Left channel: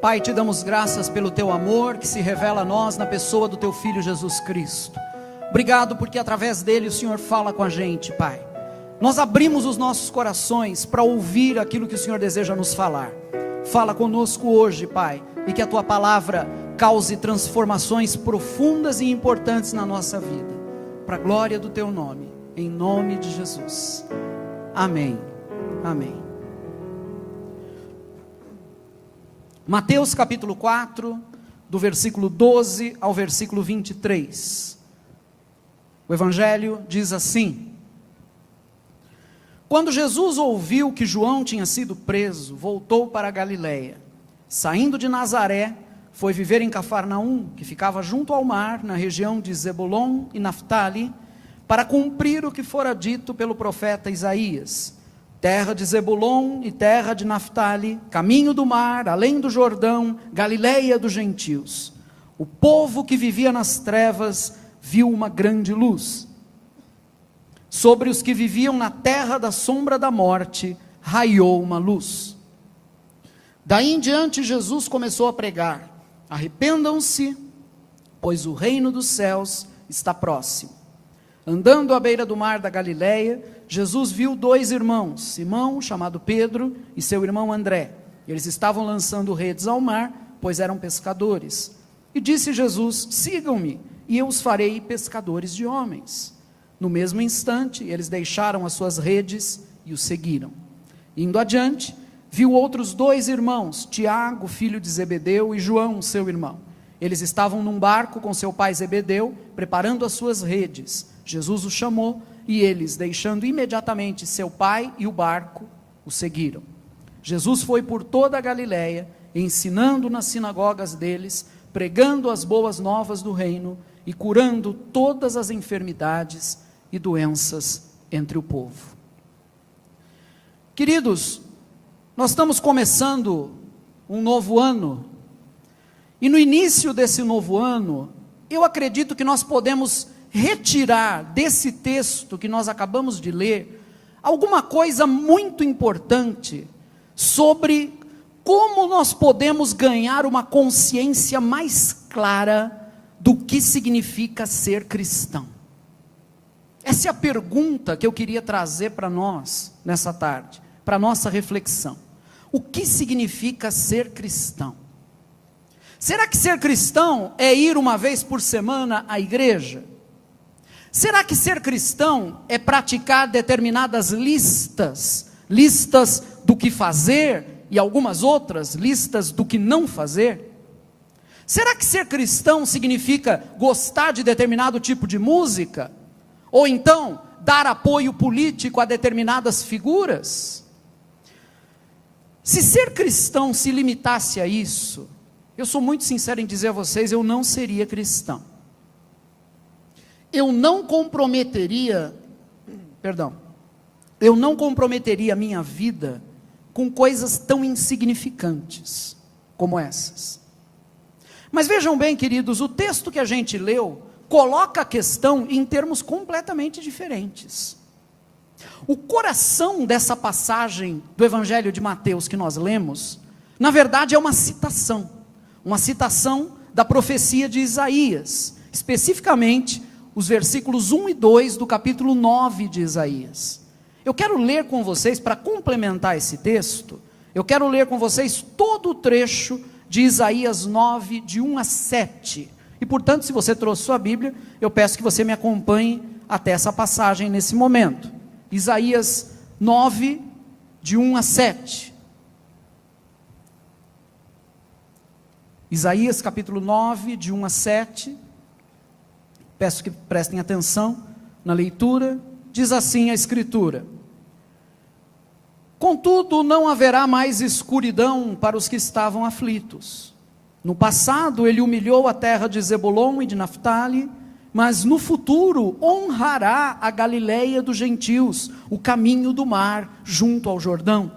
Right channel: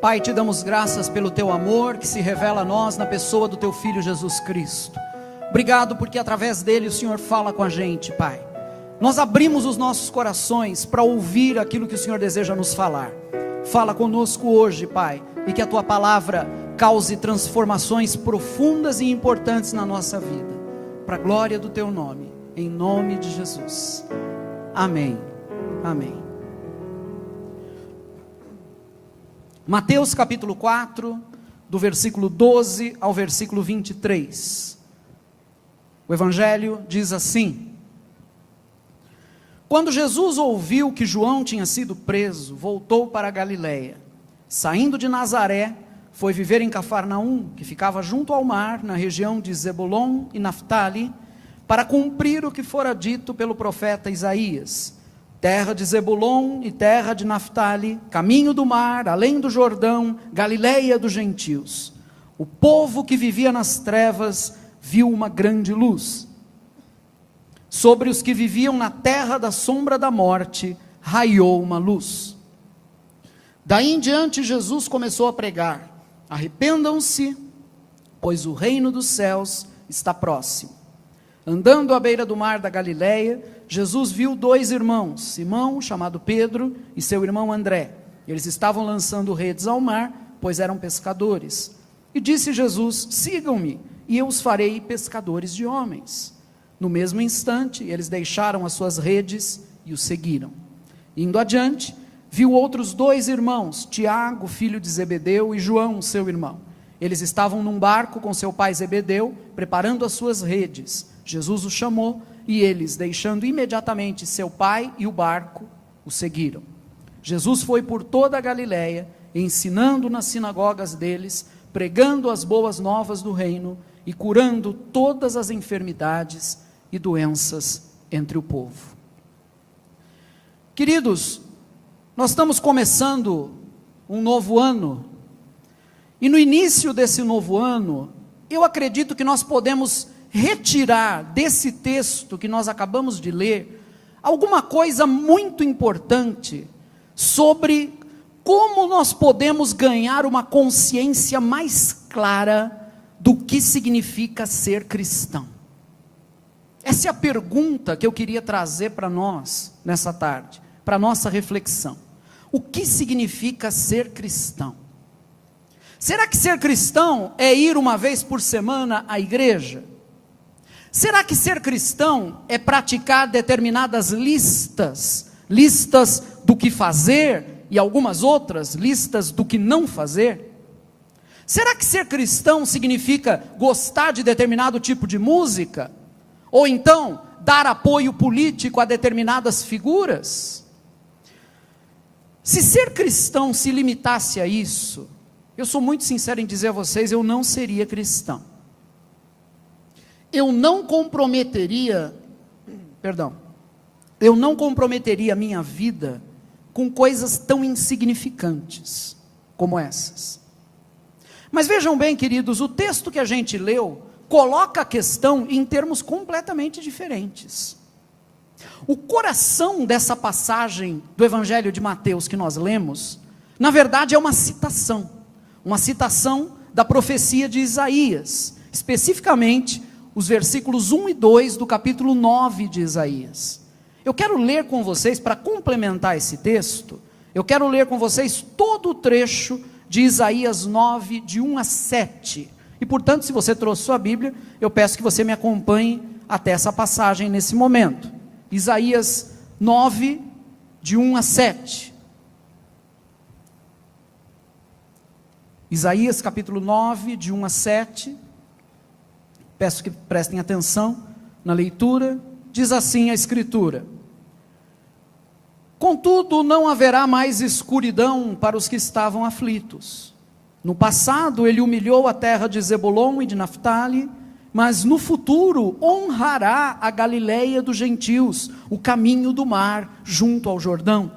Pai, te damos graças pelo teu amor que se revela a nós na pessoa do teu Filho Jesus Cristo. Obrigado porque através dele o Senhor fala com a gente, Pai. Nós abrimos os nossos corações para ouvir aquilo que o Senhor deseja nos falar. Fala conosco hoje, Pai, e que a tua palavra cause transformações profundas e importantes na nossa vida, para a glória do teu nome, em nome de Jesus. Amém. Amém. Mateus capítulo 4, do versículo 12 ao versículo 23. O Evangelho diz assim: Quando Jesus ouviu que João tinha sido preso, voltou para a Galileia. Saindo de Nazaré, foi viver em Cafarnaum, que ficava junto ao mar, na região de Zebulon e Naftali, para cumprir o que fora dito pelo profeta Isaías: terra de Zebulon e terra de Naftali, caminho do mar, além do Jordão, Galileia dos gentios. O povo que vivia nas trevas viu uma grande luz. Sobre os que viviam na terra da sombra da morte, raiou uma luz. Daí em diante Jesus começou a pregar: arrependam-se, pois o reino dos céus está próximo. Andando à beira do mar da Galileia, Jesus viu dois irmãos, Simão, chamado Pedro, e seu irmão André. Eles estavam lançando redes ao mar, pois eram pescadores. E disse Jesus: sigam-me, e eu os farei pescadores de homens. No mesmo instante, eles deixaram as suas redes e o seguiram. Indo adiante, viu outros dois irmãos, Tiago, filho de Zebedeu, e João, seu irmão. Eles estavam num barco com seu pai Zebedeu, preparando as suas redes. Jesus os chamou, e eles, deixando imediatamente seu pai e o barco, o seguiram. Jesus foi por toda a Galileia, ensinando nas sinagogas deles, pregando as boas novas do reino e curando todas as enfermidades e doenças entre o povo. Queridos, nós estamos começando um novo ano, e no início desse novo ano, eu acredito que nós podemos retirar desse texto que nós acabamos de ler, alguma coisa muito importante, sobre como nós podemos ganhar uma consciência mais clara do que significa ser cristão. Essa é a pergunta que eu queria trazer para nós, nessa tarde, para nossa reflexão. O que significa ser cristão? Será que ser cristão é ir uma vez por semana à igreja? Será que ser cristão é praticar determinadas listas do que fazer e algumas outras listas do que não fazer? Será que ser cristão significa gostar de determinado tipo de música? Ou então dar apoio político a determinadas figuras? Se ser cristão se limitasse a isso, eu sou muito sincero em dizer a vocês, eu não seria cristão. Eu não comprometeria a minha vida com coisas tão insignificantes como essas. Mas vejam bem, queridos, o texto que a gente leu coloca a questão em termos completamente diferentes. O coração dessa passagem do Evangelho de Mateus que nós lemos, na verdade é uma citação da profecia de Isaías, especificamente os versículos 1 e 2 do capítulo 9 de Isaías. Eu quero ler com vocês, para complementar esse texto, eu quero ler com vocês todo o trecho de Isaías 9, de 1 a 7. E portanto, se você trouxe sua Bíblia, eu peço que você me acompanhe até essa passagem nesse momento. Isaías 9, de 1 a 7. Isaías capítulo 9, de 1 a 7. Peço que prestem atenção na leitura. Diz assim a Escritura: contudo, não haverá mais escuridão para os que estavam aflitos. No passado, ele humilhou a terra de Zebulon e de Naftali, mas no futuro honrará a Galileia dos gentios, o caminho do mar, junto ao Jordão.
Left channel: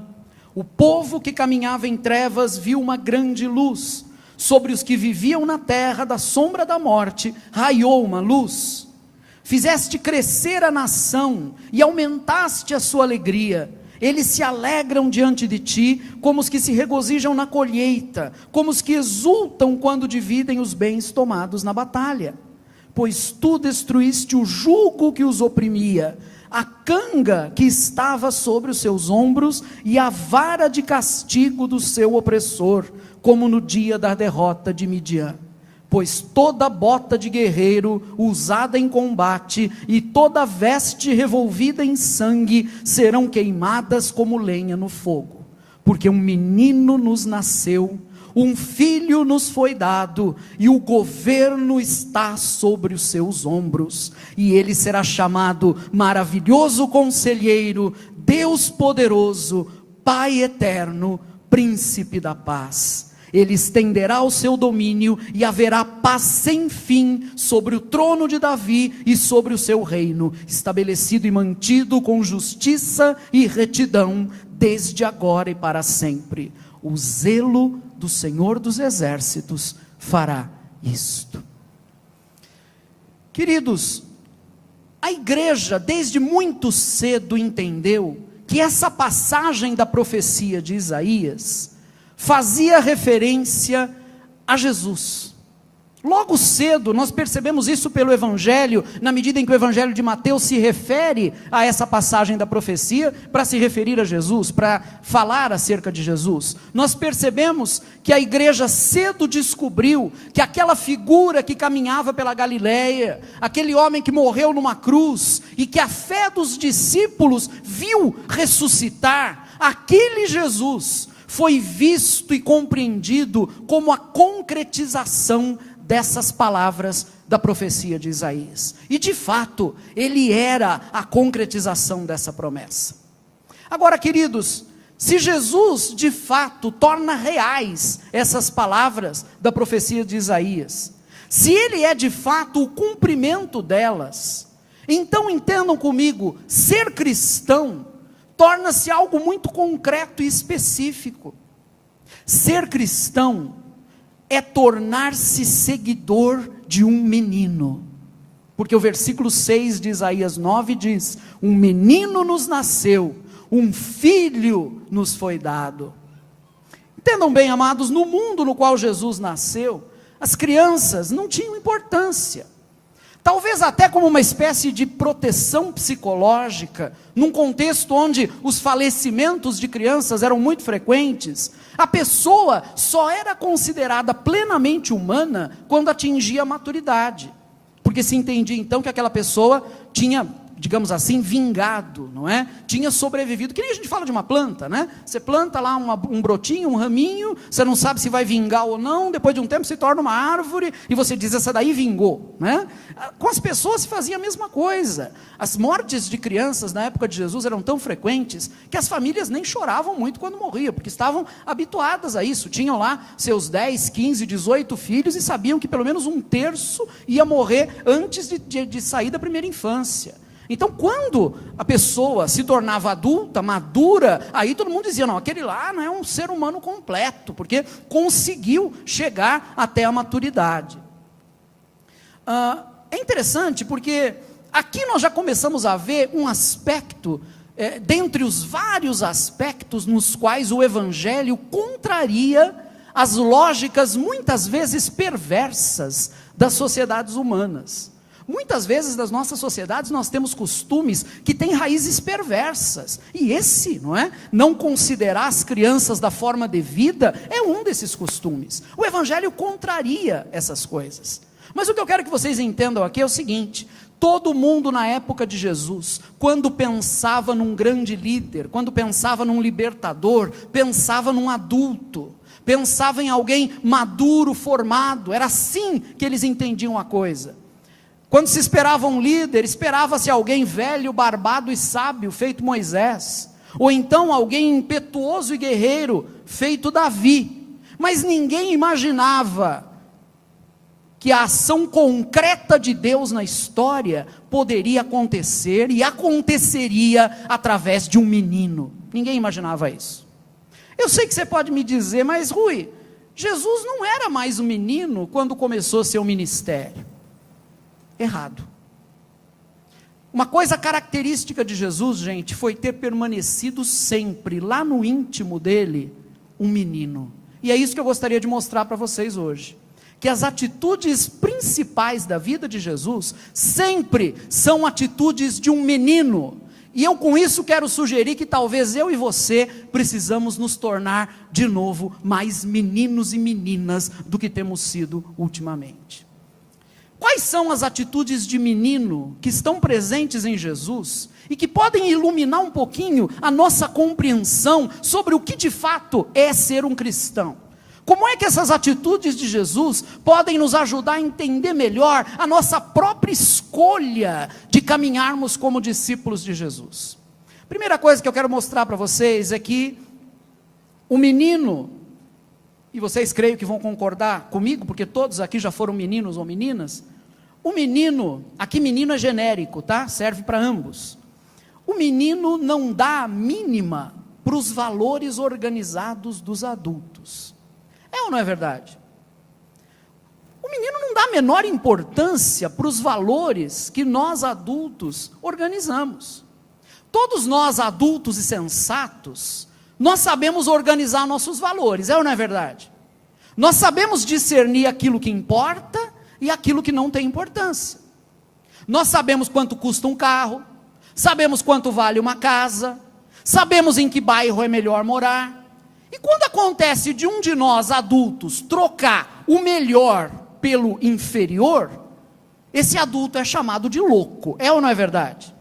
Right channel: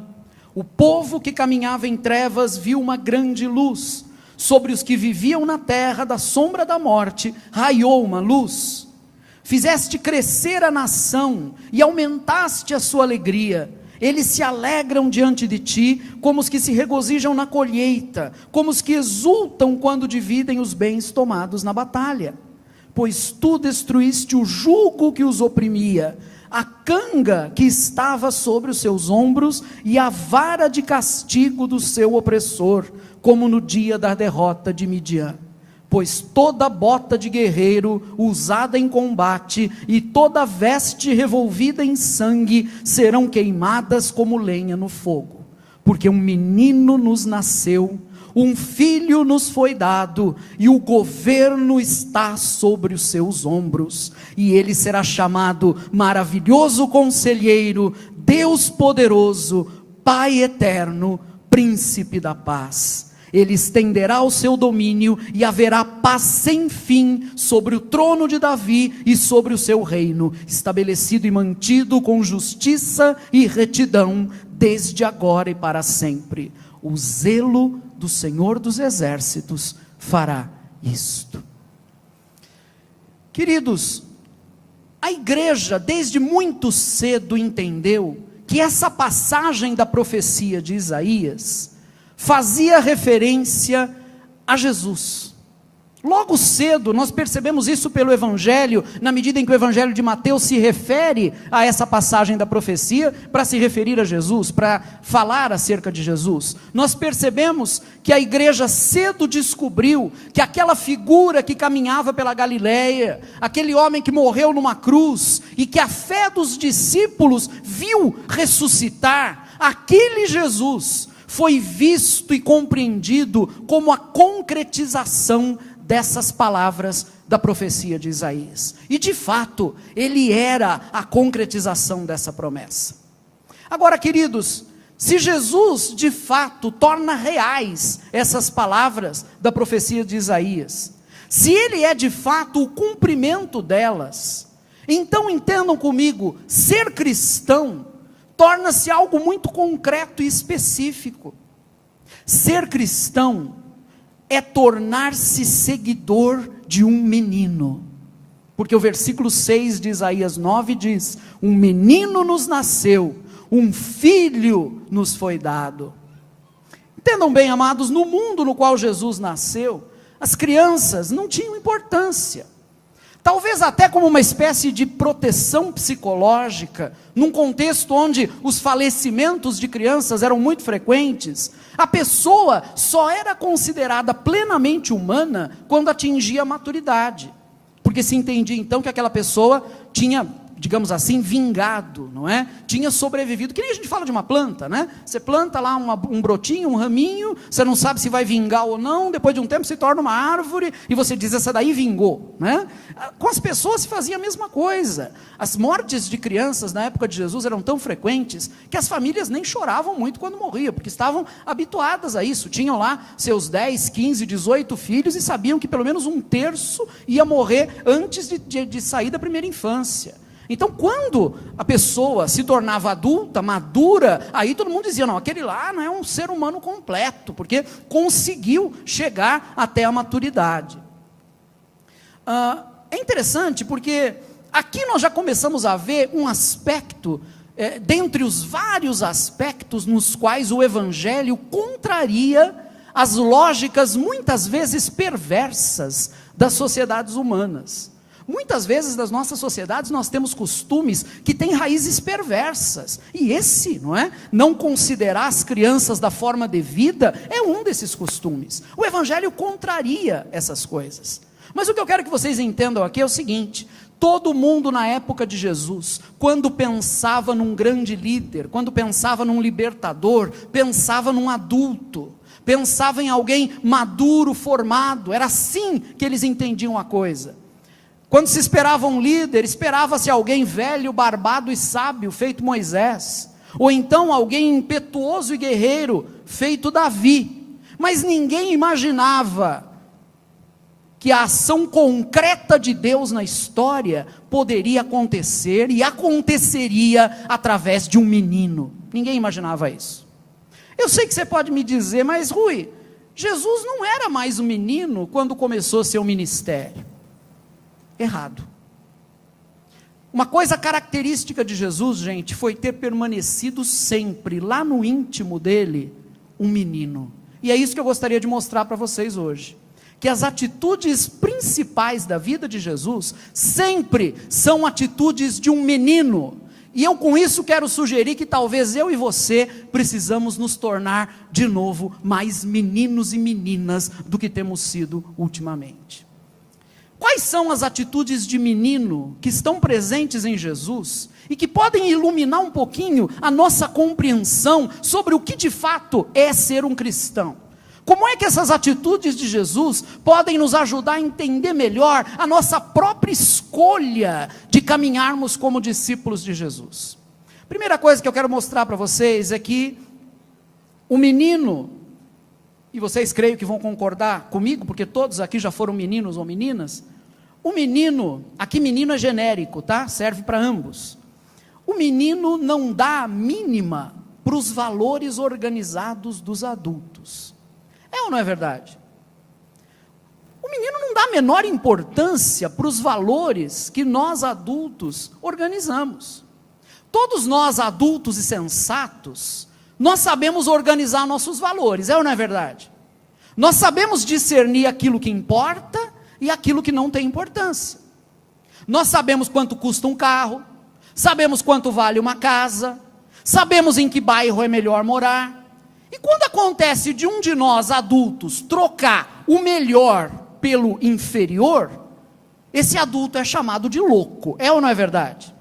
O povo que caminhava em trevas viu uma grande luz. Sobre os que viviam na terra da sombra da morte, raiou uma luz. Fizeste crescer a nação e aumentaste a sua alegria. Eles se alegram diante de ti, como os que se regozijam na colheita, como os que exultam quando dividem os bens tomados na batalha. Pois tu destruíste o jugo que os oprimia, a canga que estava sobre os seus ombros e a vara de castigo do seu opressor, como no dia da derrota de Midian. Pois toda bota de guerreiro usada em combate e toda veste revolvida em sangue serão queimadas como lenha no fogo. Porque um menino nos nasceu, um filho nos foi dado, e o governo está sobre os seus ombros. E ele será chamado Maravilhoso Conselheiro, Deus Poderoso, Pai Eterno, Príncipe da Paz. Ele estenderá o seu domínio e haverá paz sem fim sobre o trono de Davi e sobre o seu reino, estabelecido e mantido com justiça e retidão, desde agora e para sempre. O zelo do Senhor dos Exércitos fará isto. Queridos, a igreja desde muito cedo entendeu que essa passagem da profecia de Isaías fazia referência a Jesus. Logo cedo nós percebemos isso pelo Evangelho, na medida em que o Evangelho de Mateus se refere a essa passagem da profecia, para se referir a Jesus, para falar acerca de Jesus. Nós percebemos que a igreja cedo descobriu que aquela figura que caminhava pela Galileia, aquele homem que morreu numa cruz, e que a fé dos discípulos viu ressuscitar, aquele Jesus foi visto e compreendido como a concretização dessas palavras da profecia de Isaías. E de fato, ele era a concretização dessa promessa. Agora, queridos, se Jesus de fato torna reais essas palavras da profecia de Isaías, se ele é de fato o cumprimento delas, então entendam comigo, ser cristão torna-se algo muito concreto e específico. Ser cristão é tornar-se seguidor de um menino, porque o versículo 6 de Isaías 9 diz: um menino nos nasceu, um filho nos foi dado. Entendam bem, amados, no mundo no qual Jesus nasceu, as crianças não tinham importância, talvez até como uma espécie de proteção psicológica, num contexto onde os falecimentos de crianças eram muito frequentes. A pessoa só era considerada plenamente humana quando atingia a maturidade, porque se entendia então que aquela pessoa tinha, digamos assim, vingado, não é? Tinha sobrevivido, que nem a gente fala de uma planta, né? Você planta lá um brotinho, um raminho, você não sabe se vai vingar ou não, depois de um tempo se torna uma árvore, e você diz, essa daí vingou, né? Com as pessoas se fazia a mesma coisa. As mortes de crianças na época de Jesus eram tão frequentes, que as famílias nem choravam muito quando morriam, porque estavam habituadas a isso, tinham lá seus 10, 15, 18 filhos, e sabiam que pelo menos um terço ia morrer antes de sair da primeira infância. Então, quando a pessoa se tornava adulta, madura, aí todo mundo dizia, não, aquele lá não é um ser humano completo, porque conseguiu chegar até a maturidade. É interessante porque aqui nós já começamos a ver um aspecto, dentre os vários aspectos nos quais o Evangelho contraria as lógicas muitas vezes perversas das sociedades humanas. Muitas vezes nas nossas sociedades nós temos costumes que têm raízes perversas, e esse, não é? Não considerar as crianças da forma devida é um desses costumes. O Evangelho contraria essas coisas. Mas o que eu quero que vocês entendam aqui é o seguinte: todo mundo na época de Jesus, quando pensava num grande líder, quando pensava num libertador, pensava num adulto, pensava em alguém maduro, formado. Era assim que eles entendiam a coisa. Quando se esperava um líder, esperava-se alguém velho, barbado e sábio, feito Moisés, ou então alguém impetuoso e guerreiro, feito Davi. Mas ninguém imaginava que a ação concreta de Deus na história poderia acontecer, e aconteceria através de um menino. Ninguém imaginava isso. Eu sei que você pode me dizer, mas Rui, Jesus não era mais um menino quando começou seu ministério. Errado. Uma coisa característica de Jesus, gente, foi ter permanecido sempre, lá no íntimo dele, um menino. E é isso que eu gostaria de mostrar para vocês hoje. Que as atitudes principais da vida de Jesus, sempre são atitudes de um menino. E eu com isso quero sugerir que talvez eu e você precisamos nos tornar de novo mais meninos e meninas do que temos sido ultimamente. Quais são as atitudes de menino que estão presentes em Jesus e que podem iluminar um pouquinho a nossa compreensão sobre o que de fato é ser um cristão? Como é que essas atitudes de Jesus podem nos ajudar a entender melhor a nossa própria escolha de caminharmos como discípulos de Jesus? Primeira coisa que eu quero mostrar para vocês é que o menino, e vocês creio que vão concordar comigo, porque todos aqui já foram meninos ou meninas, o menino, aqui menino é genérico, tá? Serve para ambos. O menino não dá a mínima para os valores organizados dos adultos. É ou não é verdade? O menino não dá a menor importância para os valores que nós adultos organizamos. Todos nós adultos e sensatos, nós sabemos organizar nossos valores, é ou não é verdade? Nós sabemos discernir aquilo que importa e aquilo que não tem importância. Nós sabemos quanto custa um carro, sabemos quanto vale uma casa, sabemos em que bairro é melhor morar. E quando acontece de um de nós adultos trocar o melhor pelo inferior, esse adulto é chamado de louco, é ou não é verdade?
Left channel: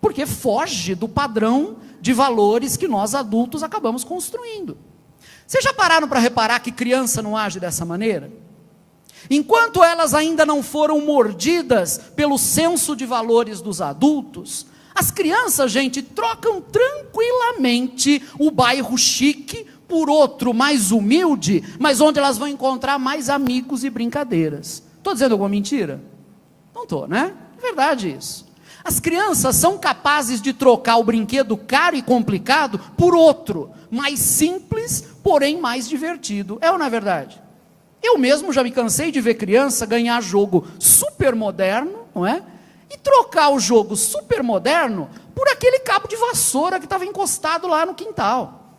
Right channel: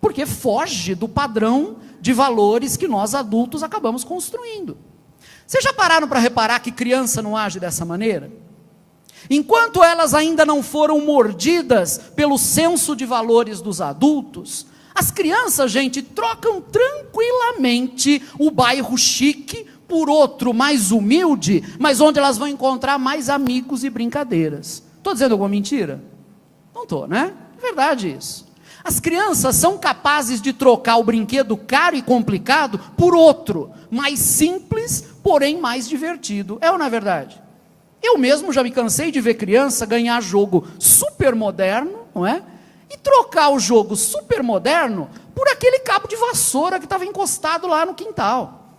Porque foge do padrão de valores que nós adultos acabamos construindo. Vocês já pararam para reparar que criança não age dessa maneira? Enquanto elas ainda não foram mordidas pelo senso de valores dos adultos, as crianças, gente, trocam tranquilamente o bairro chique por outro mais humilde, mas onde elas vão encontrar mais amigos e brincadeiras. Estou dizendo alguma mentira? Não estou, né? É verdade isso. As crianças são capazes de trocar o brinquedo caro e complicado por outro, mais simples, porém mais divertido. É ou não é verdade? Eu mesmo já me cansei de ver criança ganhar jogo super moderno, não é? E trocar o jogo super moderno por aquele cabo de vassoura que estava encostado lá no quintal.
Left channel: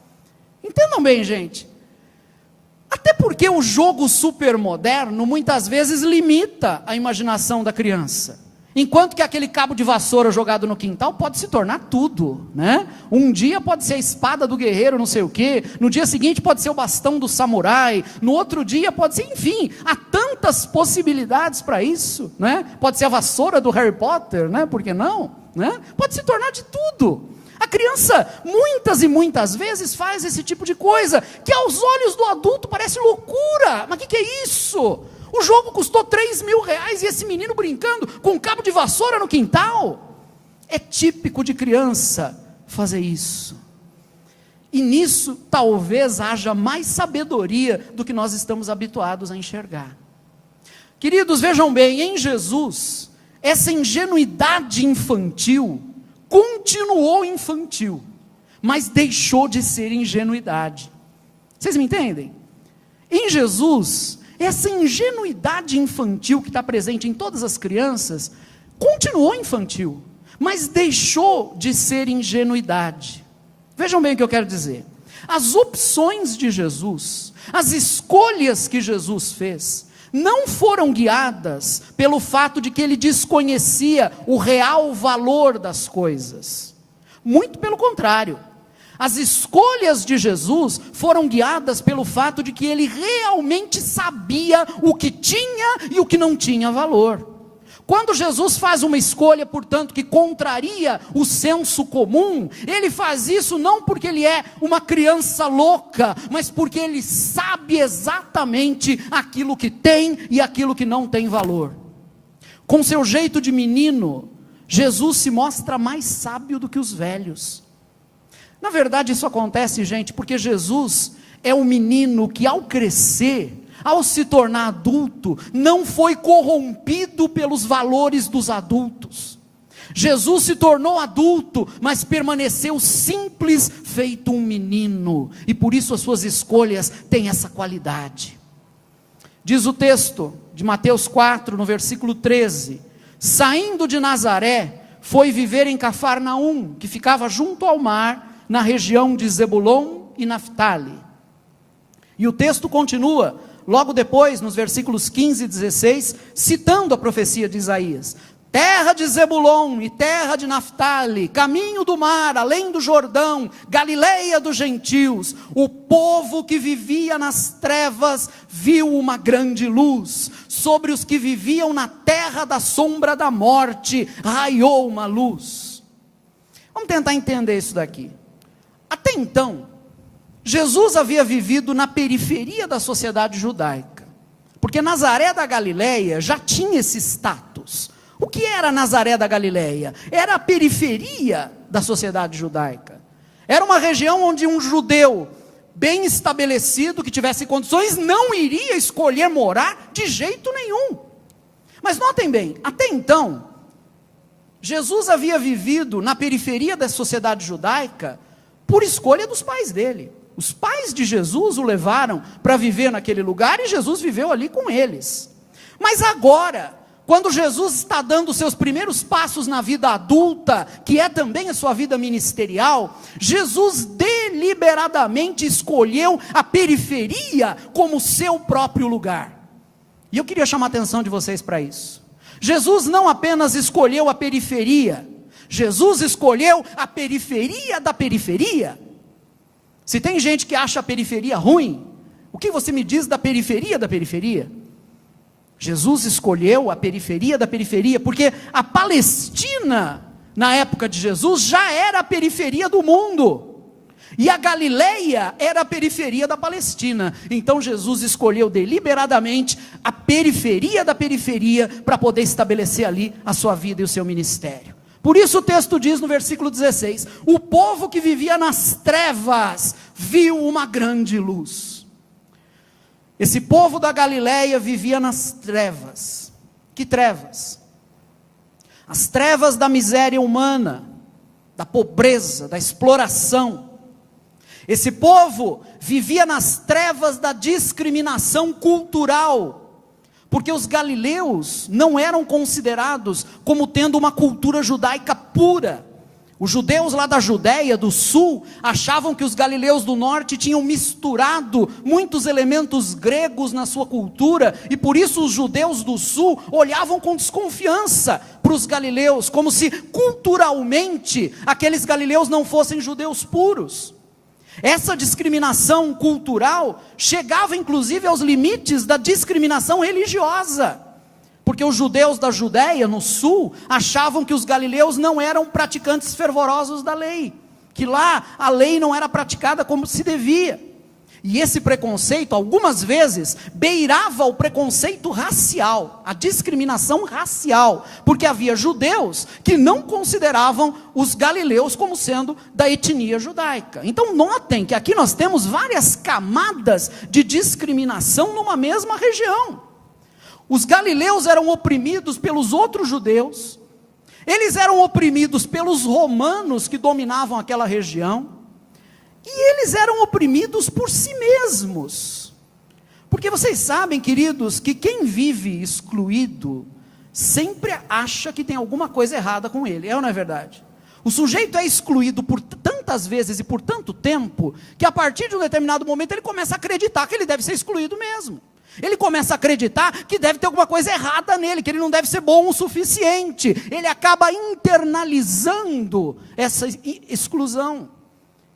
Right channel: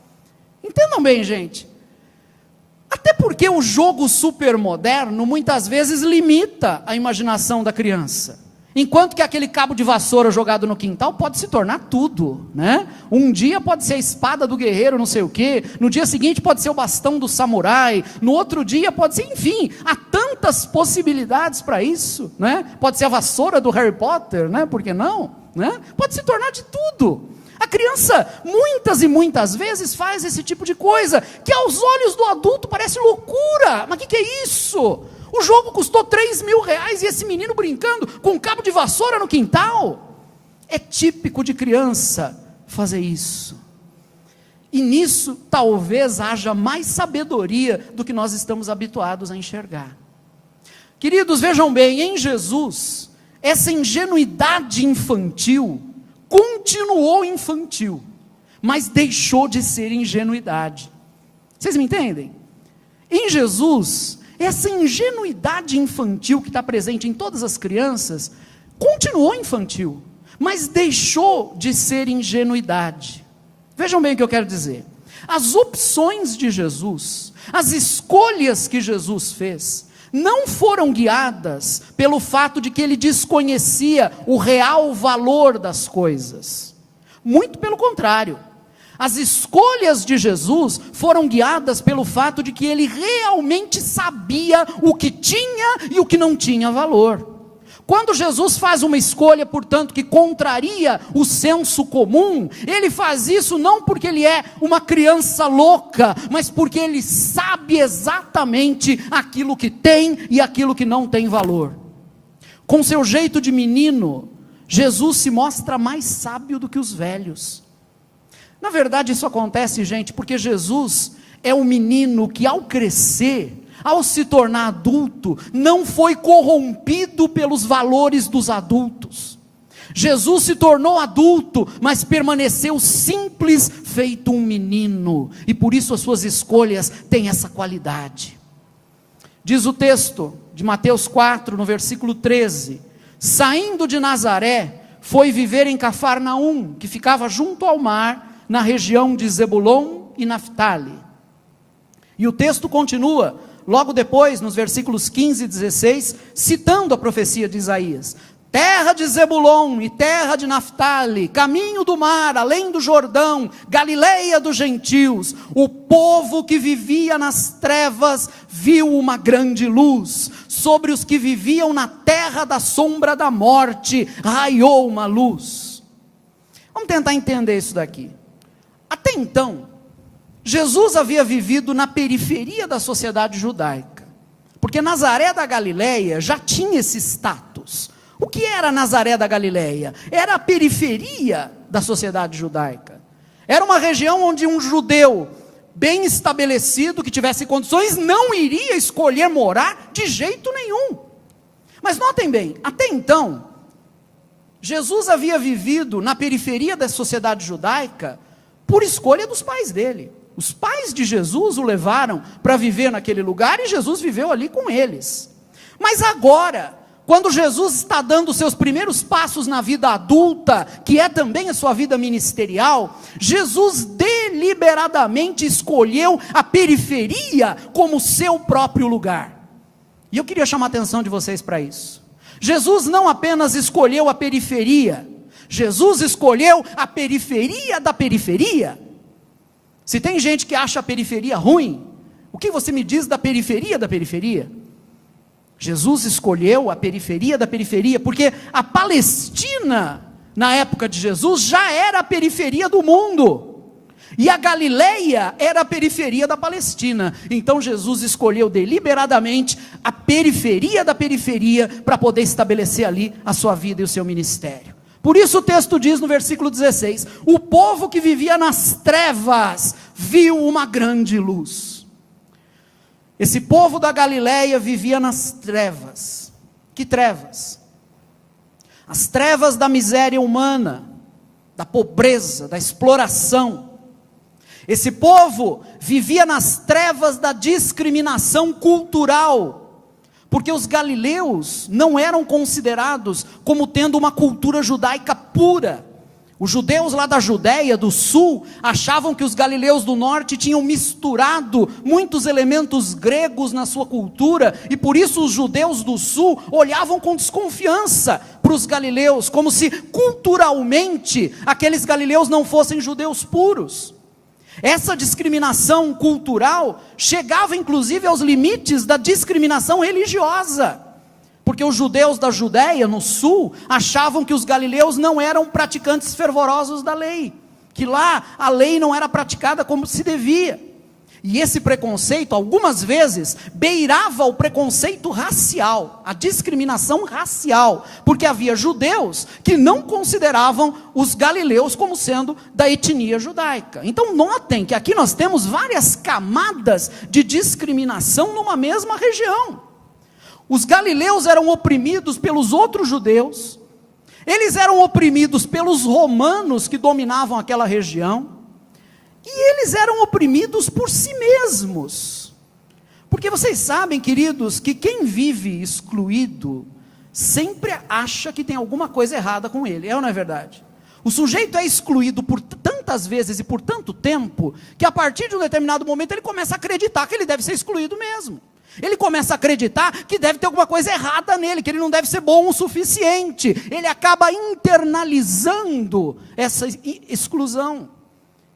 Entendam bem, gente. Até porque o jogo super moderno muitas vezes limita a imaginação da criança. Enquanto que aquele cabo de vassoura jogado no quintal pode se tornar tudo, né? Um dia pode ser a espada do guerreiro, não sei o quê. No dia seguinte pode ser o bastão do samurai. No outro dia pode ser, enfim, há tantas possibilidades para isso, né? Pode ser a vassoura do Harry Potter, né? Por que não? Né? Pode se tornar de tudo. A criança, muitas e muitas vezes, faz esse tipo de coisa, que aos olhos do adulto parece loucura. Mas o que é isso? O jogo custou R$3.000 e esse menino brincando com um cabo de vassoura no quintal? É típico de criança fazer isso. E nisso talvez haja mais sabedoria do que nós estamos habituados a enxergar. Queridos, vejam bem, em Jesus, essa ingenuidade infantil continuou infantil, mas deixou de ser ingenuidade. Vocês me entendem? Em Jesus, essa ingenuidade infantil que está presente em todas as crianças, continuou infantil, mas deixou de ser ingenuidade. Vejam bem o que eu quero dizer. As opções de Jesus, as escolhas que Jesus fez, não foram guiadas pelo fato de que ele desconhecia o real valor das coisas. Muito pelo contrário. As escolhas de Jesus foram guiadas pelo fato de que ele realmente sabia o que tinha e o que não tinha valor. Quando Jesus faz uma escolha, portanto, que contraria o senso comum, ele faz isso não porque ele é uma criança louca, mas porque ele sabe exatamente aquilo que tem e aquilo que não tem valor. Com seu jeito de menino, Jesus se mostra mais sábio do que os velhos. Na verdade, isso acontece, gente, porque Jesus é um menino que, ao crescer, ao se tornar adulto, não foi corrompido pelos valores dos adultos. Jesus se tornou adulto, mas permaneceu simples, feito um menino, e por isso as suas escolhas têm essa qualidade. Diz o texto de Mateus 4, no versículo 13: saindo de Nazaré, foi viver em Cafarnaum, que ficava junto ao mar, na região de Zebulon e Naftali. E o texto continua, logo depois, nos versículos 15 e 16, citando a profecia de Isaías. Terra de Zebulon e terra de Naftali, caminho do mar, além do Jordão, Galileia dos gentios, o povo que vivia nas trevas viu uma grande luz, sobre os que viviam na terra da sombra da morte, raiou uma luz. Vamos tentar entender isso daqui. Até então, Jesus havia vivido na periferia da sociedade judaica, porque Nazaré da Galileia já tinha esse status. O que era Nazaré da Galileia? Era a periferia da sociedade judaica. Era uma região onde um judeu bem estabelecido, que tivesse condições, não iria escolher morar de jeito nenhum. Mas notem bem, até então, Jesus havia vivido na periferia da sociedade judaica por escolha dos pais dele. Os pais de Jesus o levaram para viver naquele lugar e Jesus viveu ali com eles. Mas agora, quando Jesus está dando seus primeiros passos na vida adulta, que é também a sua vida ministerial, Jesus deliberadamente escolheu a periferia como seu próprio lugar. E eu queria chamar a atenção de vocês para isso. Jesus não apenas escolheu a periferia, Jesus escolheu a periferia da periferia. Se tem gente que acha a periferia ruim, o que você me diz da periferia da periferia? Jesus escolheu a periferia da periferia, porque a Palestina, na época de Jesus, já era a periferia do mundo, e a Galileia era a periferia da Palestina. Então Jesus escolheu deliberadamente a periferia da periferia, para poder estabelecer ali a sua vida e o seu ministério. Por isso o texto diz no versículo 16, o povo que vivia nas trevas, viu uma grande luz. Esse povo da Galileia vivia nas trevas. Que trevas? As trevas da miséria humana, da pobreza, da exploração. Esse povo vivia nas trevas da discriminação cultural, porque os galileus não eram considerados como tendo uma cultura judaica pura. Os judeus lá da Judéia, do sul, achavam que os galileus do norte tinham misturado muitos elementos gregos na sua cultura, e por isso os judeus do sul olhavam com desconfiança para os galileus, como se culturalmente aqueles galileus não fossem judeus puros. Essa discriminação cultural chegava inclusive aos limites da discriminação religiosa. Porque os judeus da Judéia, no sul, achavam que os galileus não eram praticantes fervorosos da lei, que lá a lei não era praticada como se devia. E esse preconceito, algumas vezes, beirava o preconceito racial, a discriminação racial, porque havia judeus que não consideravam os galileus como sendo da etnia judaica. Então notem que aqui nós temos várias camadas de discriminação numa mesma região. Os galileus eram oprimidos pelos outros judeus, eles eram oprimidos pelos romanos que dominavam aquela região, e eles eram oprimidos por si mesmos. Porque vocês sabem, queridos, que quem vive excluído, sempre acha que tem alguma coisa errada com ele, é ou não é verdade? O sujeito é excluído por tantas vezes e por tanto tempo, que a partir de um determinado momento ele começa a acreditar que ele deve ser excluído mesmo. Ele começa a acreditar que deve ter alguma coisa errada nele, que ele não deve ser bom o suficiente. Ele acaba internalizando essa exclusão.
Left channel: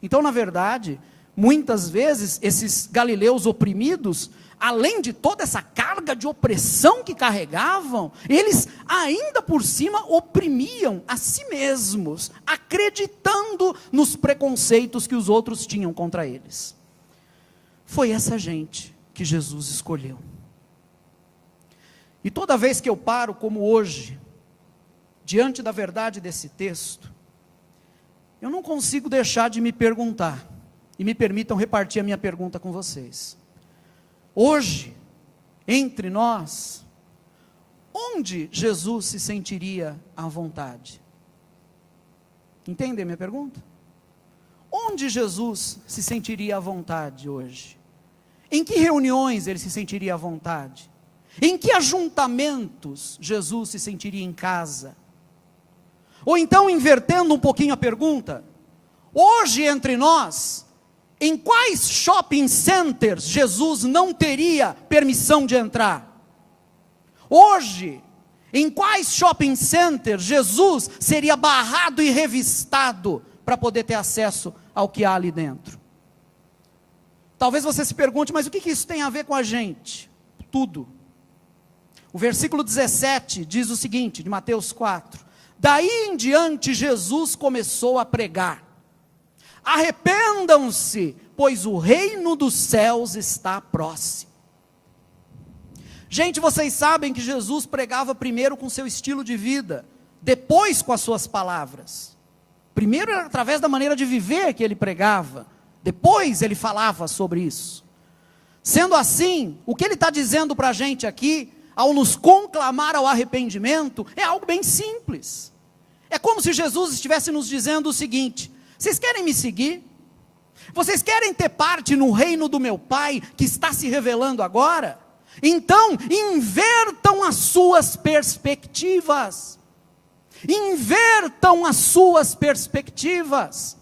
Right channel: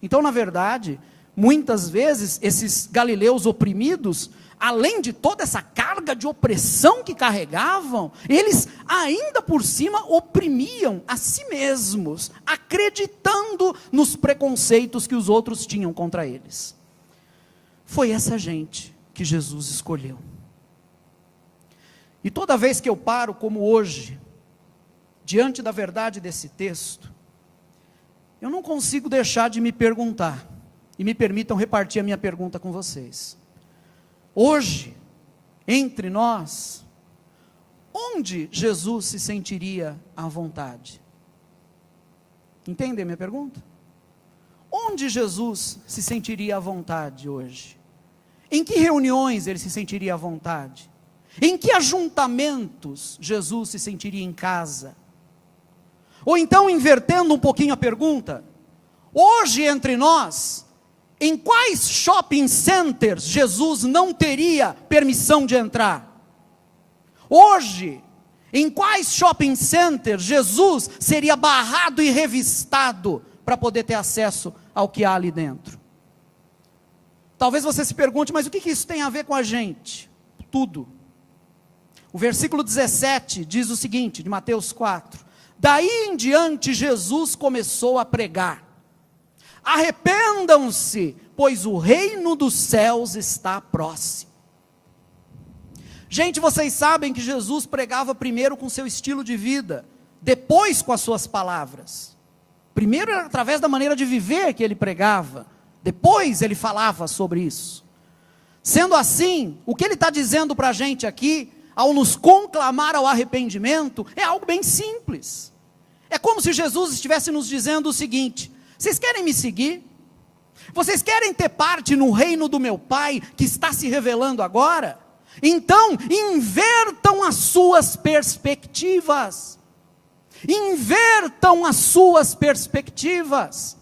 Então, na verdade, muitas vezes, esses galileus oprimidos, além de toda essa carga de opressão que carregavam, eles ainda por cima oprimiam a si mesmos, acreditando nos preconceitos que os outros tinham contra eles. Foi essa gente que Jesus escolheu. E toda vez que eu paro, como hoje, diante da verdade desse texto, eu não consigo deixar de me perguntar, e me permitam repartir a minha pergunta com vocês. Hoje, entre nós, onde Jesus se sentiria à vontade? Entendem a minha pergunta? Onde Jesus se sentiria à vontade hoje? Em que reuniões ele se sentiria à vontade? Em que ajuntamentos Jesus se sentiria em casa? Ou então, invertendo um pouquinho a pergunta, hoje entre nós, em quais shopping centers Jesus não teria permissão de entrar? Hoje, em quais shopping centers Jesus seria barrado e revistado para poder ter acesso ao que há ali dentro? Talvez você se pergunte, mas o que isso tem a ver com a gente? Tudo. O versículo 17 diz o seguinte, de Mateus 4, daí em diante Jesus começou a pregar, arrependam-se, pois o reino dos céus está próximo. Gente, vocês sabem que Jesus pregava primeiro com seu estilo de vida, depois com as suas palavras. Primeiro era através da maneira de viver que ele pregava, depois ele falava sobre isso. Sendo assim, o que ele está dizendo para a gente aqui, ao nos conclamar ao arrependimento, é algo bem simples. É como se Jesus estivesse nos dizendo o seguinte: vocês querem me seguir? Vocês querem ter parte no reino do meu Pai, que está se revelando agora? Então, invertam as suas perspectivas. Invertam as suas perspectivas.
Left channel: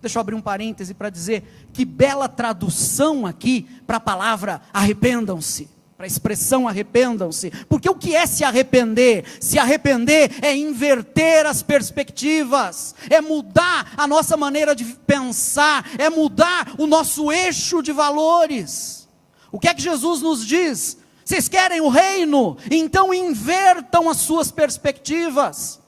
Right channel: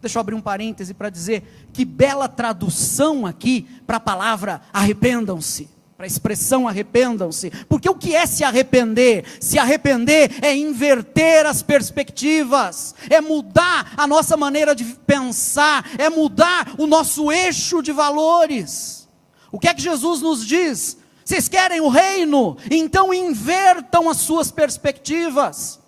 Deixa eu abrir um parêntese para dizer que bela tradução aqui para a palavra arrependam-se, para a expressão arrependam-se. Porque o que é se arrepender? Se arrepender é inverter as perspectivas, é mudar a nossa maneira de pensar, é mudar o nosso eixo de valores. O que é que Jesus nos diz? Vocês querem o reino? Então invertam as suas perspectivas.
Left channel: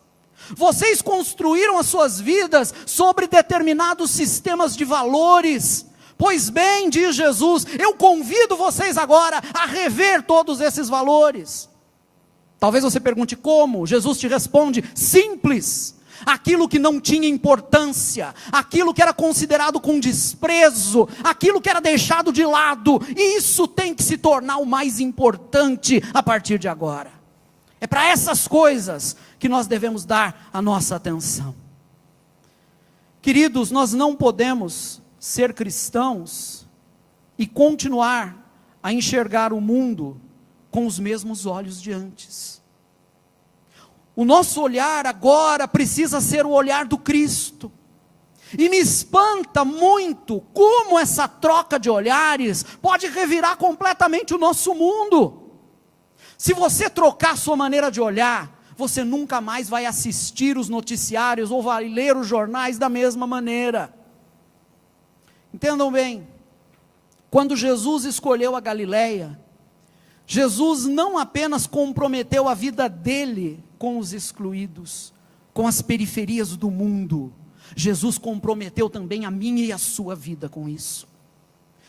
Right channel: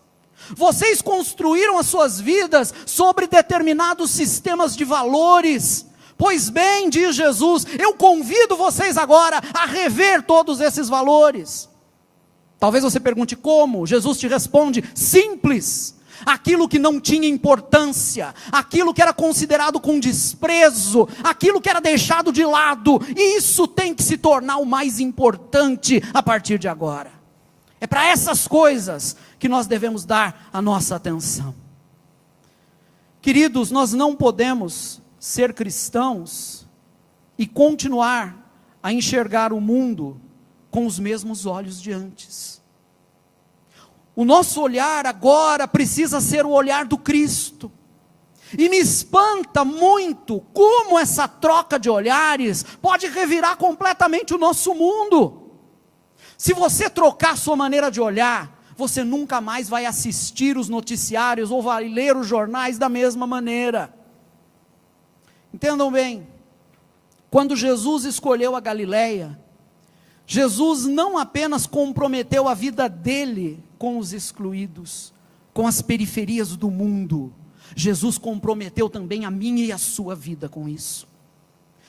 Vocês construíram as suas vidas sobre determinados sistemas de valores. Pois bem, diz Jesus, eu convido vocês agora a rever todos esses valores. Talvez você pergunte como. Jesus te responde, simples. Aquilo que não tinha importância, aquilo que era considerado com desprezo, aquilo que era deixado de lado, isso tem que se tornar o mais importante a partir de agora. É para essas coisas que nós devemos dar a nossa atenção. Queridos, nós não podemos ser cristãos e continuar a enxergar o mundo com os mesmos olhos de antes. O nosso olhar agora precisa ser o olhar do Cristo. E me espanta muito como essa troca de olhares pode revirar completamente o nosso mundo. Se você trocar sua maneira de olhar, você nunca mais vai assistir os noticiários ou vai ler os jornais da mesma maneira. Entendam bem, quando Jesus escolheu a Galileia, Jesus não apenas comprometeu a vida dele com os excluídos, com as periferias do mundo, Jesus comprometeu também a minha e a sua vida com isso.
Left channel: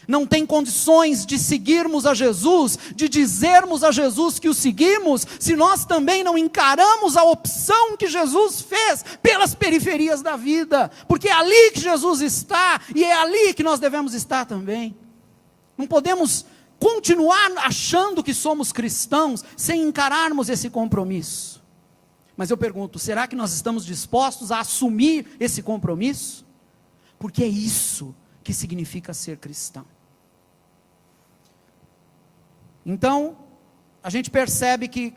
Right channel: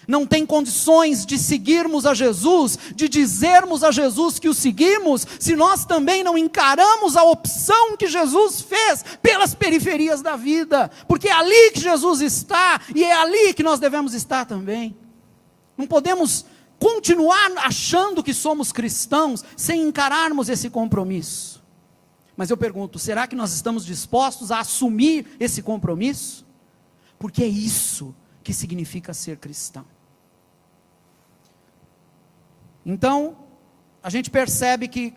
Não tem condições de seguirmos a Jesus, de dizermos a Jesus que o seguimos, se nós também não encaramos a opção que Jesus fez pelas periferias da vida, porque é ali que Jesus está, e é ali que nós devemos estar também. Não podemos continuar achando que somos cristãos, sem encararmos esse compromisso. Mas eu pergunto, será que nós estamos dispostos a assumir esse compromisso? Porque é isso que significa ser cristão. Então, a gente percebe que,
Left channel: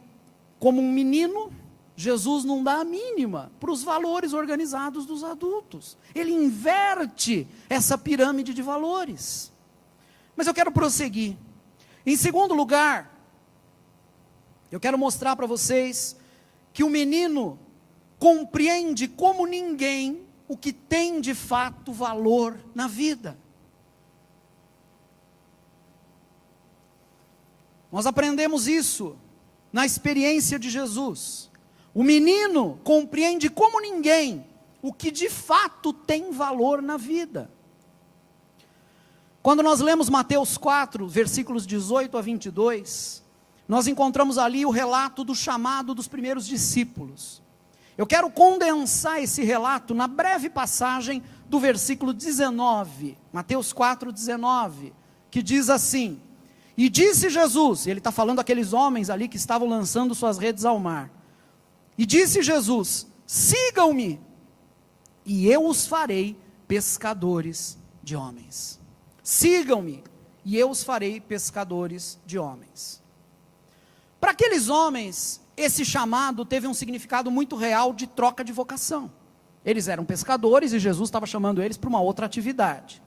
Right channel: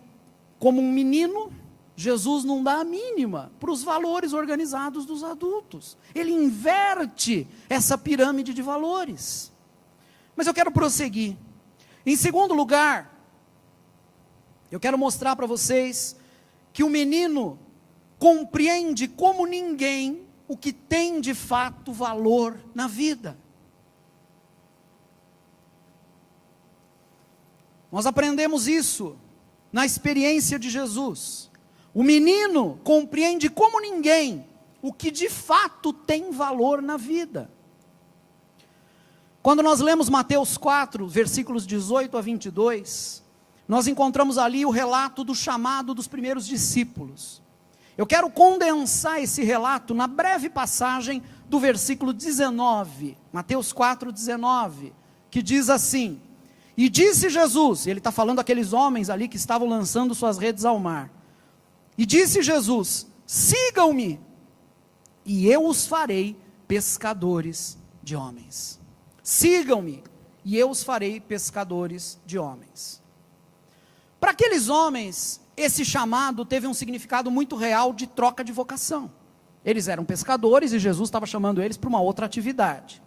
como um menino, Jesus não dá a mínima para os valores organizados dos adultos. Ele inverte essa pirâmide de valores. Mas eu quero prosseguir. Em segundo lugar, eu quero mostrar para vocês que o menino compreende como ninguém o que tem de fato valor na vida. Nós aprendemos isso na experiência de Jesus. O menino compreende como ninguém o que de fato tem valor na vida. Quando nós lemos Mateus 4, versículos 18 a 22, nós encontramos ali o relato do chamado dos primeiros discípulos. Eu quero condensar esse relato na breve passagem do versículo 19, Mateus 4, 19, que diz assim: e disse Jesus, ele está falando aqueles homens ali que estavam lançando suas redes ao mar, e disse Jesus, sigam-me, e eu os farei pescadores de homens. Sigam-me, e eu os farei pescadores de homens. Para aqueles homens, esse chamado teve um significado muito real de troca de vocação. Eles eram pescadores e Jesus estava chamando eles para uma outra atividade.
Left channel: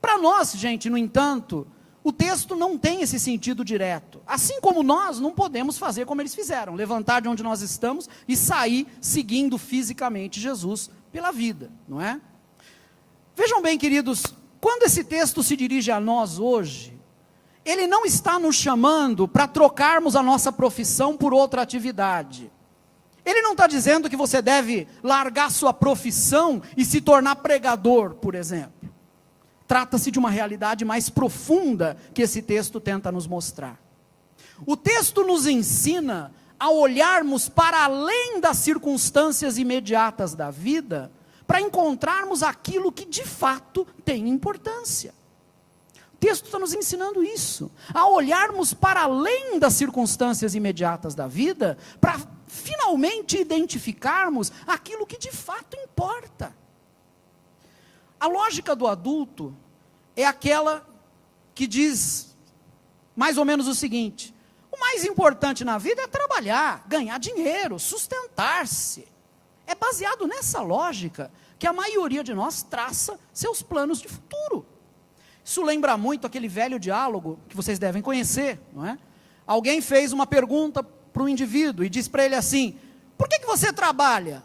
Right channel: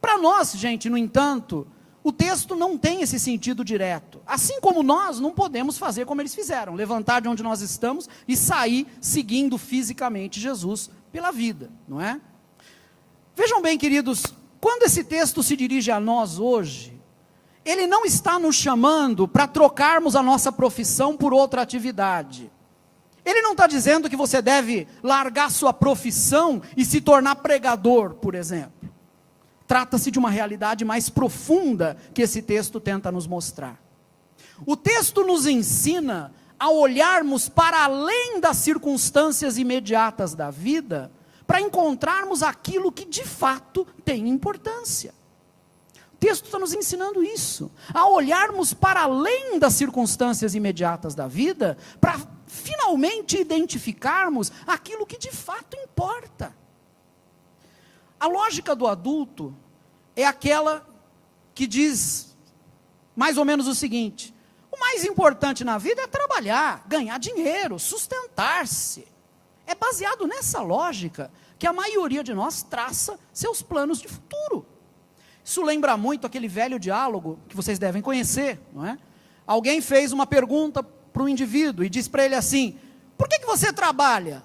Para nós, gente, no entanto, o texto não tem esse sentido direto. Assim como nós não podemos fazer como eles fizeram, levantar de onde nós estamos e sair seguindo fisicamente Jesus pela vida, não é? Vejam bem, queridos, quando esse texto se dirige a nós hoje, ele não está nos chamando para trocarmos a nossa profissão por outra atividade. Ele não está dizendo que você deve largar sua profissão e se tornar pregador, por exemplo. Trata-se de uma realidade mais profunda que esse texto tenta nos mostrar. O texto nos ensina a olharmos para além das circunstâncias imediatas da vida, para encontrarmos aquilo que de fato tem importância. O texto está nos ensinando isso, a olharmos para além das circunstâncias imediatas da vida, para finalmente identificarmos aquilo que de fato importa. A lógica do adulto é aquela que diz mais ou menos o seguinte: o mais importante na vida é trabalhar, ganhar dinheiro, sustentar-se. É baseado nessa lógica que a maioria de nós traça seus planos de futuro. Isso lembra muito aquele velho diálogo que vocês devem conhecer, não é? Alguém fez uma pergunta para um indivíduo e disse para ele assim: por que você trabalha?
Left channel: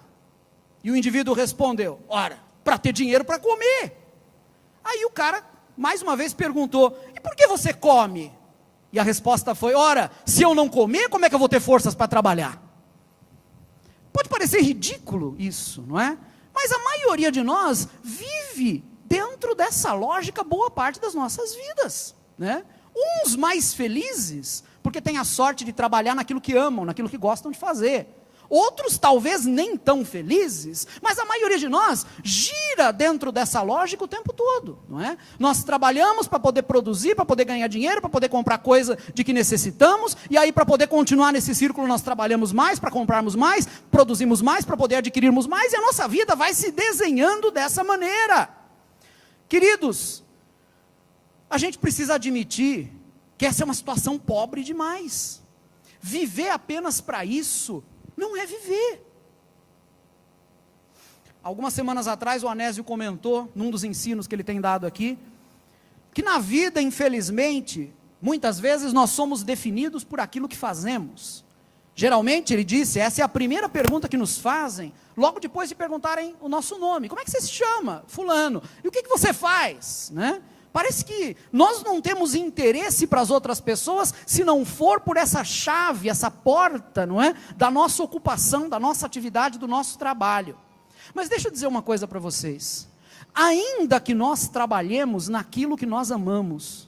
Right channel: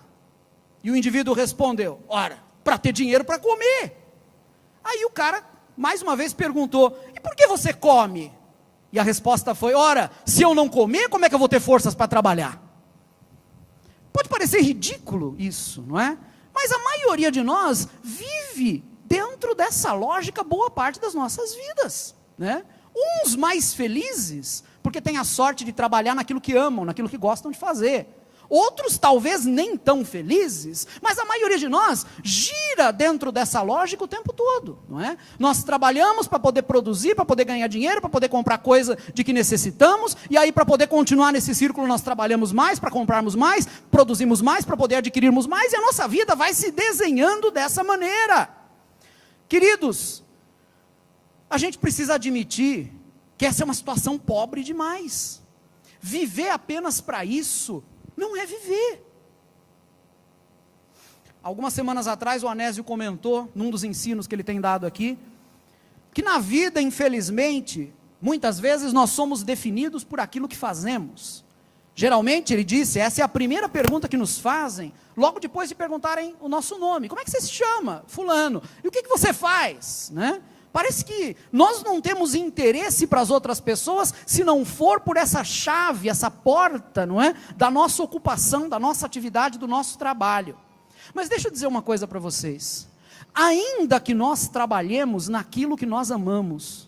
E o indivíduo respondeu: ora, para ter dinheiro para comer. Aí o cara, mais uma vez, perguntou: e por que você come? E a resposta foi: ora, se eu não comer, como é que eu vou ter forças para trabalhar? Pode parecer ridículo isso, não é? Mas a maioria de nós vive dentro dessa lógica boa parte das nossas vidas, né? Uns mais felizes, porque têm a sorte de trabalhar naquilo que amam, naquilo que gostam de fazer. Outros talvez nem tão felizes, mas a maioria de nós gira dentro dessa lógica o tempo todo, não é? Nós trabalhamos para poder produzir, para poder ganhar dinheiro, para poder comprar coisa de que necessitamos, e aí para poder continuar nesse círculo nós trabalhamos mais, para comprarmos mais, produzimos mais, para poder adquirirmos mais, e a nossa vida vai se desenhando dessa maneira. Queridos, a gente precisa admitir que essa é uma situação pobre demais. Viver apenas para isso não é viver. Algumas semanas atrás o Anésio comentou, num dos ensinos que ele tem dado aqui, que na vida, infelizmente, muitas vezes nós somos definidos por aquilo que fazemos. Geralmente, ele disse, essa é a primeira pergunta que nos fazem, logo depois de perguntarem o nosso nome. Como é que você se chama? Fulano. E o que você faz? Né? Parece que nós não temos interesse para as outras pessoas se não for por essa chave, essa porta, não é? Da nossa ocupação, da nossa atividade, do nosso trabalho. Mas deixa eu dizer uma coisa para vocês. Ainda que nós trabalhemos naquilo que nós amamos,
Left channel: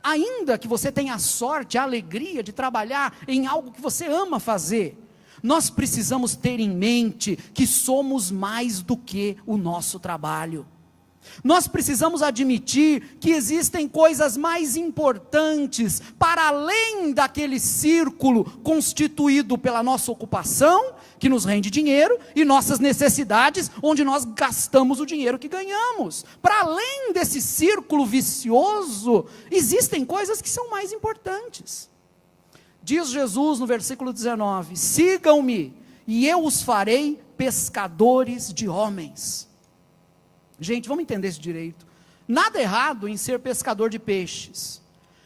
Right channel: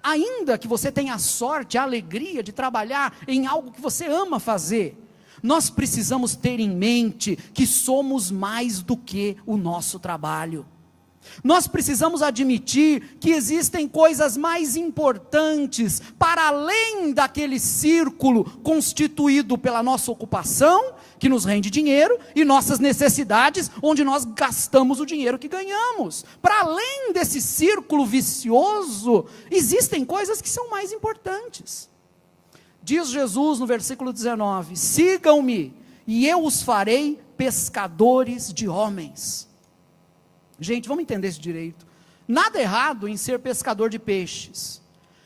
ainda que você tenha a sorte, a alegria de trabalhar em algo que você ama fazer, nós precisamos ter em mente que somos mais do que o nosso trabalho. Nós precisamos admitir que existem coisas mais importantes para além daquele círculo constituído pela nossa ocupação, que nos rende dinheiro, e nossas necessidades, onde nós gastamos o dinheiro que ganhamos. Para além desse círculo vicioso, existem coisas que são mais importantes. Diz Jesus no versículo 19, sigam-me, e eu os farei pescadores de homens. Gente, vamos entender isso direito. Nada errado em ser pescador de peixes.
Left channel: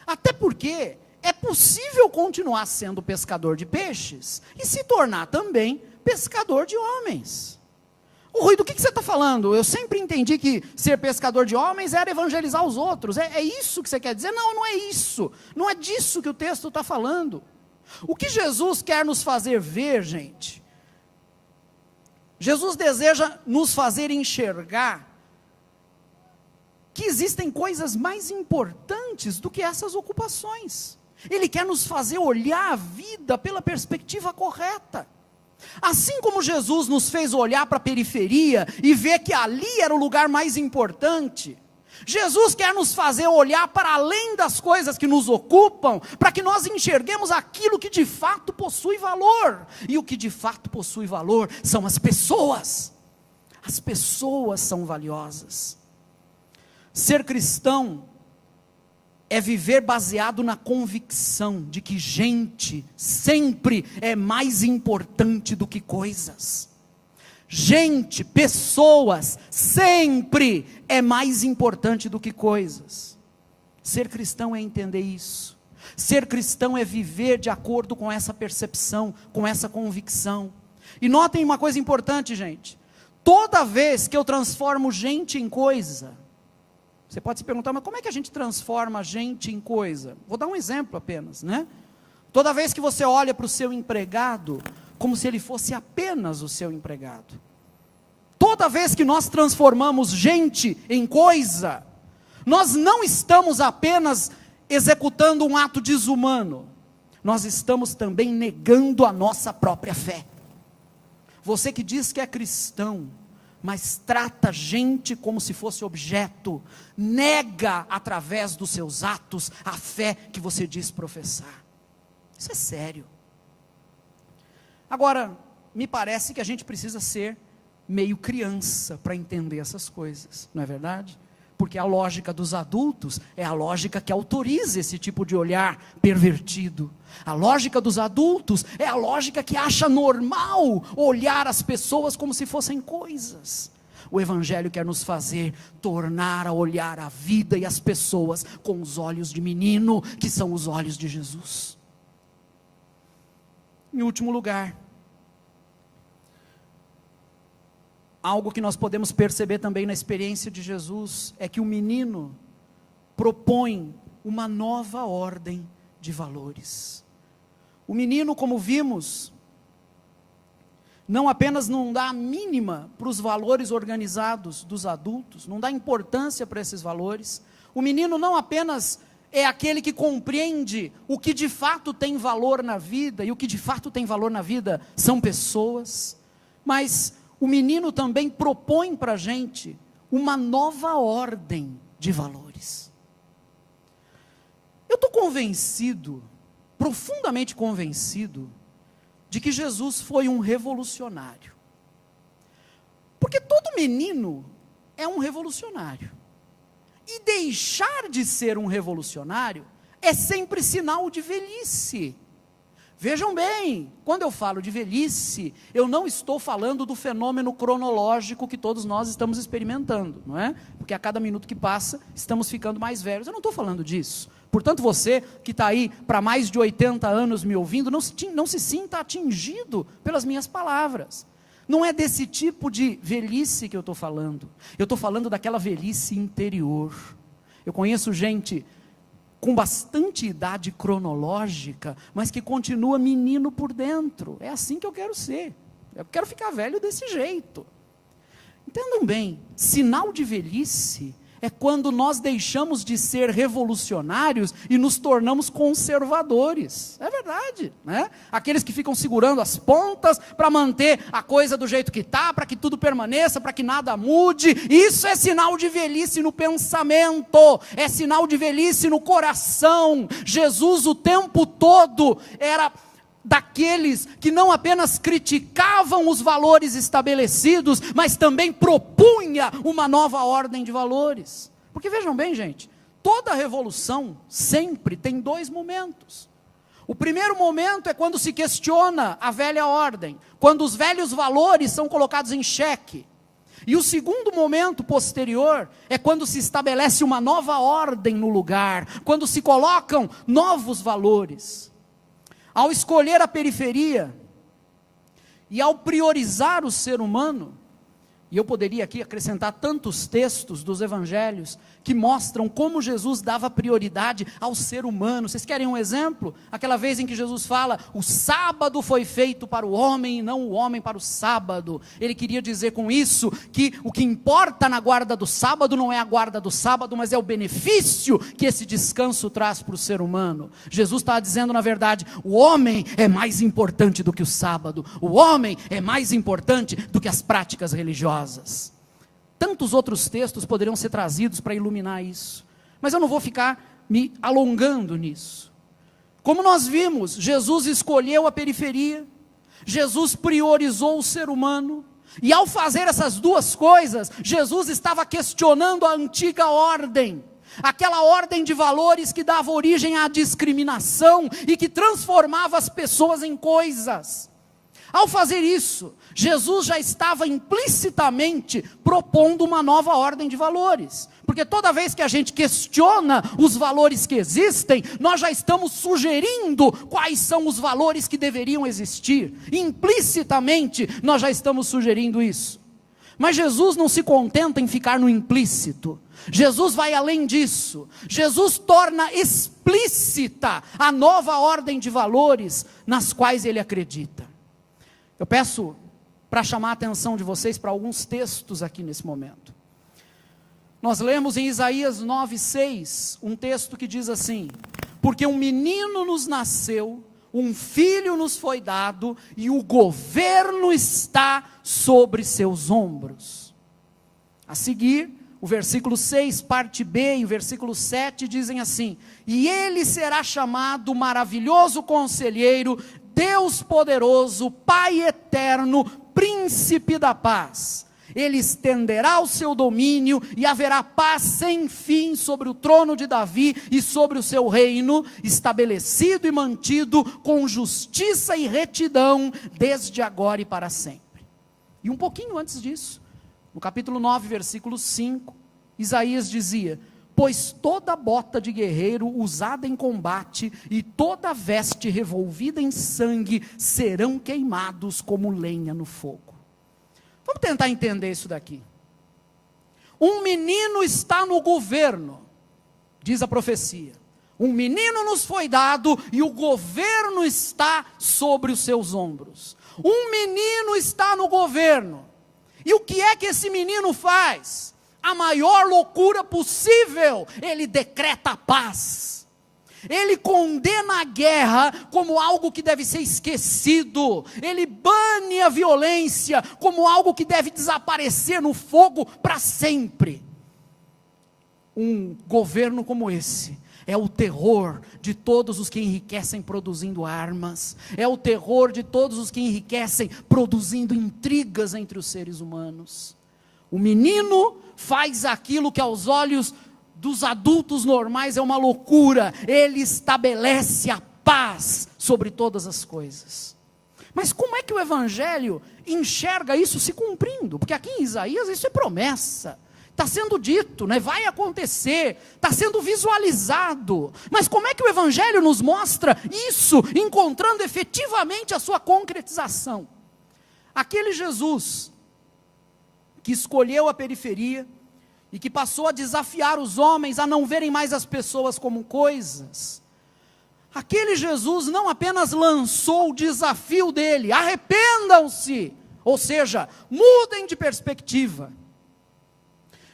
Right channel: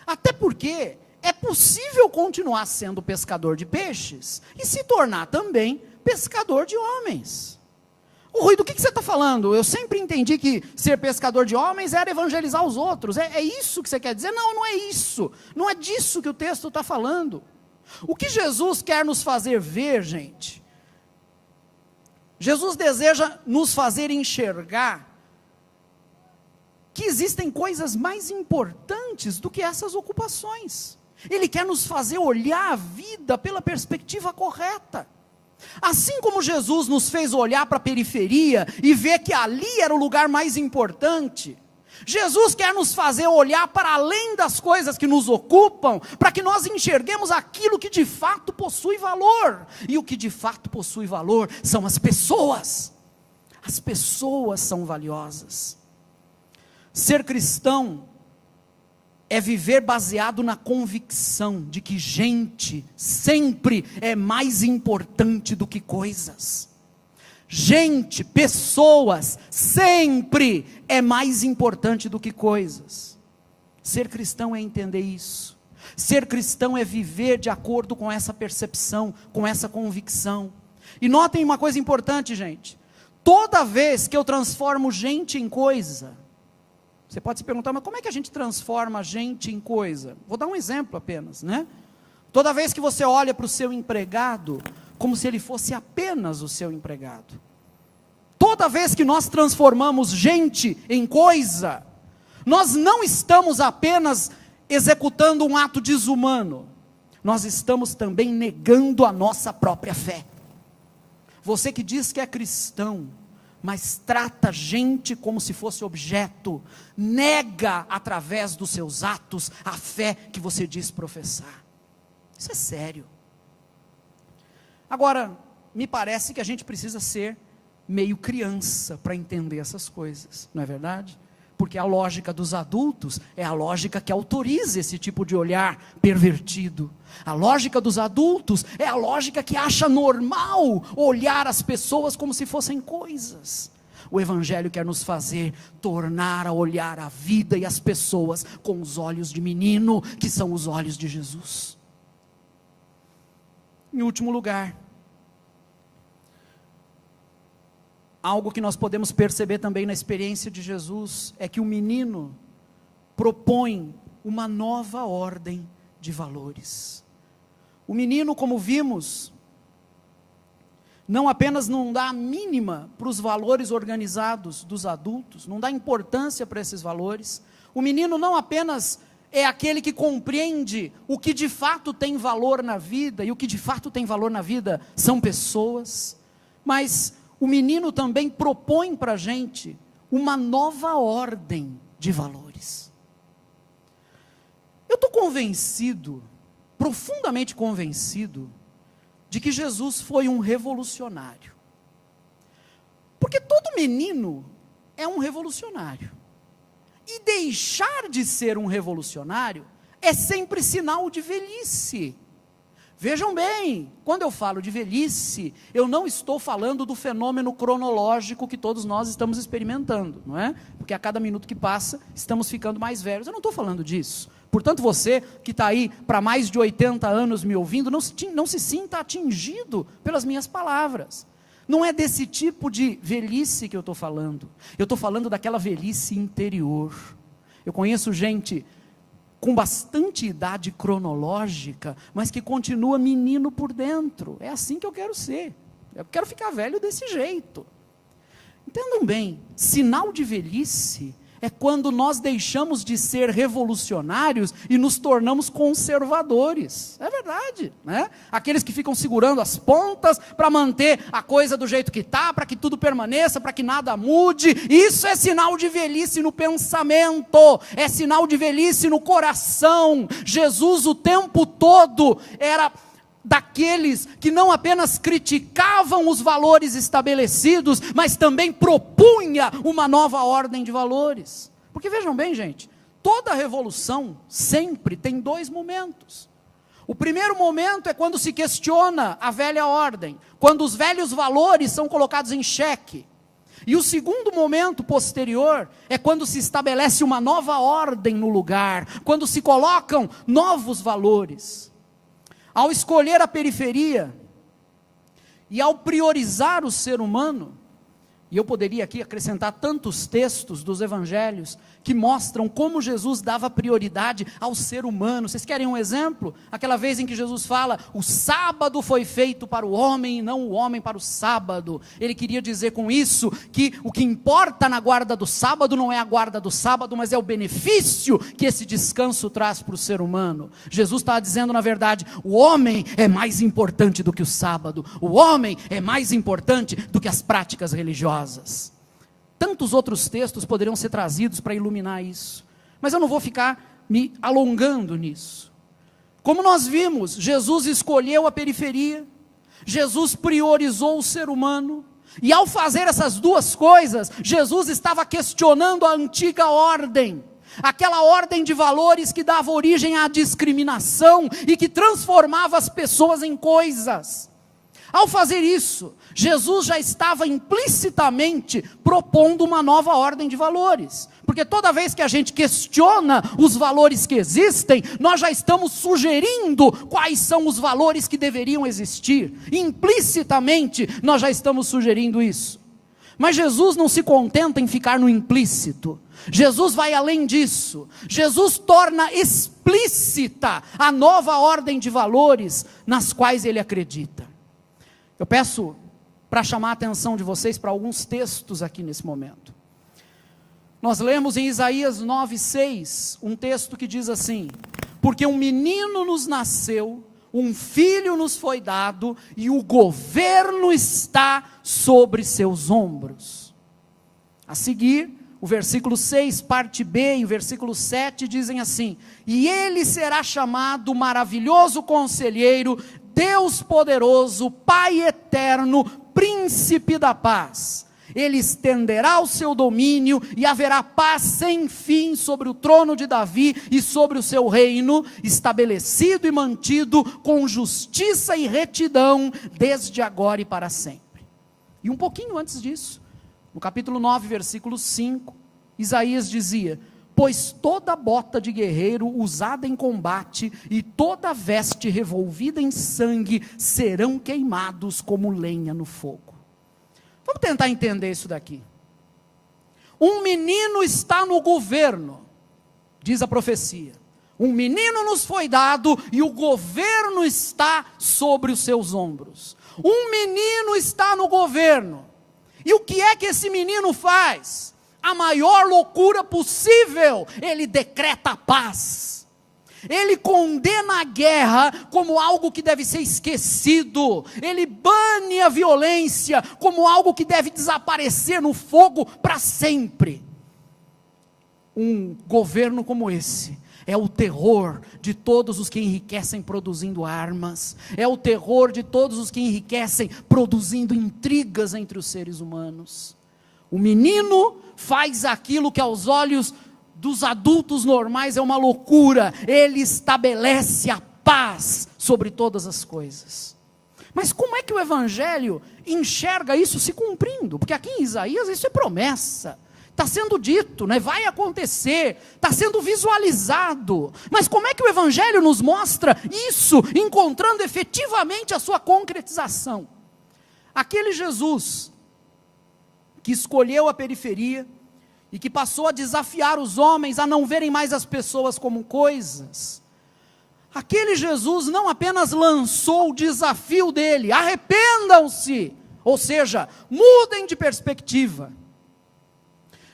Até porque é possível continuar sendo pescador de peixes e se tornar também pescador de homens. Ô Rui, do que você está falando? Eu sempre entendi que ser pescador de homens era evangelizar os outros. É isso que você quer dizer? Não, não é isso. Não é disso que o texto está falando. O que Jesus quer nos fazer ver, gente? Jesus deseja nos fazer enxergar que existem coisas mais importantes do que essas ocupações. Ele quer nos fazer olhar a vida pela perspectiva correta. Assim como Jesus nos fez olhar para a periferia e ver que ali era o lugar mais importante, Jesus quer nos fazer olhar para além das coisas que nos ocupam, para que nós enxerguemos aquilo que de fato possui valor. E o que de fato possui valor são as pessoas. As pessoas são valiosas. Ser cristão é viver baseado na convicção de que gente sempre é mais importante do que coisas. Gente, pessoas, sempre é mais importante do que coisas. Ser cristão é entender isso. Ser cristão é viver de acordo com essa percepção, com essa convicção. E notem uma coisa importante, gente. Toda vez que eu transformo gente em coisa, você pode se perguntar, mas como é que a gente transforma gente em coisa? Vou dar um exemplo apenas, né? Toda vez que você olha para o seu empregado, como se ele fosse apenas o seu empregado. Toda vez que nós transformamos gente em coisa, nós não estamos apenas executando um ato desumano, nós estamos também negando a nossa própria fé. Você que diz que é cristão, mas trata gente como se fosse objeto, nega através dos seus atos a fé que você diz professar. Isso é sério. Agora, me parece que a gente precisa ser meio criança para entender essas coisas, não é verdade? Porque a lógica dos adultos é a lógica que autoriza esse tipo de olhar pervertido. A lógica dos adultos é a lógica que acha normal olhar as pessoas como se fossem coisas. O Evangelho quer nos fazer tornar a olhar a vida e as pessoas com os olhos de menino, que são os olhos de Jesus. Em último lugar, algo que nós podemos perceber também na experiência de Jesus, é que o menino propõe uma nova ordem de valores. O menino, como vimos, não apenas não dá a mínima para os valores organizados dos adultos, não dá importância para esses valores. O menino não apenas é aquele que compreende o que de fato tem valor na vida, e o que de fato tem valor na vida são pessoas, mas o menino também propõe para a gente uma nova ordem de valores. Eu estou convencido, profundamente convencido, de que Jesus foi um revolucionário. Porque todo menino é um revolucionário. E deixar de ser um revolucionário é sempre sinal de velhice. Vejam bem, quando eu falo de velhice, eu não estou falando do fenômeno cronológico que todos nós estamos experimentando, não é? Porque a cada minuto que passa, estamos ficando mais velhos. Eu não estou falando disso. Portanto, você que está aí para mais de 80 anos me ouvindo, não se sinta atingido pelas minhas palavras. Não é desse tipo de velhice que eu estou falando. Eu estou falando daquela velhice interior. Eu conheço gente com bastante idade cronológica, mas que continua menino por dentro. É assim que eu quero ser. Eu quero ficar velho desse jeito. Entendam bem, sinal de velhice é quando nós deixamos de ser revolucionários e nos tornamos conservadores. É verdade, né? Aqueles que ficam segurando as pontas para manter a coisa do jeito que está, para que tudo permaneça, para que nada mude. Isso é sinal de velhice no pensamento, é sinal de velhice no coração. Jesus o tempo todo era daqueles que não apenas criticavam os valores estabelecidos, mas também propunha uma nova ordem de valores. Porque vejam bem, gente, toda revolução sempre tem dois momentos. O primeiro momento é quando se questiona a velha ordem, quando os velhos valores são colocados em xeque. E o segundo momento posterior é quando se estabelece uma nova ordem no lugar, quando se colocam novos valores. Ao escolher a periferia e ao priorizar o ser humano, e eu poderia aqui acrescentar tantos textos dos evangelhos que mostram como Jesus dava prioridade ao ser humano. Vocês querem um exemplo? Aquela vez em que Jesus fala, o sábado foi feito para o homem e não o homem para o sábado. Ele queria dizer com isso que o que importa na guarda do sábado não é a guarda do sábado, mas é o benefício que esse descanso traz para o ser humano. Jesus está dizendo, na verdade, o homem é mais importante do que o sábado. O homem é mais importante do que as práticas religiosas. Tantos outros textos poderiam ser trazidos para iluminar isso, mas eu não vou ficar me alongando nisso. Como nós vimos, Jesus escolheu a periferia, Jesus priorizou o ser humano, e ao fazer essas duas coisas, Jesus estava questionando a antiga ordem. aquela ordem de valores que dava origem à discriminação e que transformava as pessoas em coisas. Ao fazer isso, Jesus já estava implicitamente propondo uma nova ordem de valores, porque toda vez que a gente questiona os valores que existem, nós já estamos sugerindo quais são os valores que deveriam existir, implicitamente nós já estamos sugerindo isso. Mas Jesus não se contenta em ficar no implícito, Jesus vai além disso, Jesus torna explícita a nova ordem de valores nas quais ele acredita. Eu peço para chamar a atenção de vocês para alguns textos aqui nesse momento. Nós lemos em Isaías 9:6, um texto que diz assim: porque um menino nos nasceu, um filho nos foi dado, e o governo está sobre seus ombros. A seguir, o versículo 6, parte B, e o versículo 7 dizem assim: e ele será chamado Maravilhoso Conselheiro, Deus Poderoso, Pai Eterno, Príncipe da Paz. Ele estenderá o seu domínio e haverá paz sem fim sobre o trono de Davi e sobre o seu reino, estabelecido e mantido com justiça e retidão desde agora e para sempre. E um pouquinho antes disso, no capítulo 9, versículo 5, Isaías dizia: pois toda bota de guerreiro usada em combate e toda veste revolvida em sangue serão queimados como lenha no fogo. Vamos tentar entender isso daqui. Um menino está no governo, diz a profecia. Um menino nos foi dado e o governo está sobre os seus ombros. Um menino está no governo. E o que é que esse menino faz? A maior loucura possível, ele decreta a paz. Ele condena a guerra como algo que deve ser esquecido. Ele bane a violência como algo que deve desaparecer no fogo para sempre. Um governo como esse é o terror de todos os que enriquecem produzindo armas. É o terror de todos os que enriquecem produzindo intrigas entre os seres humanos. O menino faz aquilo que aos olhos dos adultos normais é uma loucura. Ele estabelece a paz sobre todas as coisas. Mas como é que o Evangelho enxerga isso se cumprindo? Porque aqui em Isaías isso é promessa. Está sendo dito, né? Vai acontecer, está sendo visualizado. Mas como é que o Evangelho nos mostra isso, encontrando efetivamente a sua concretização? Aquele Jesus que escolheu a periferia e que passou a desafiar os homens a não verem mais as pessoas como coisas. Aquele Jesus não apenas lançou o desafio dele: arrependam-se, ou seja, mudem de perspectiva.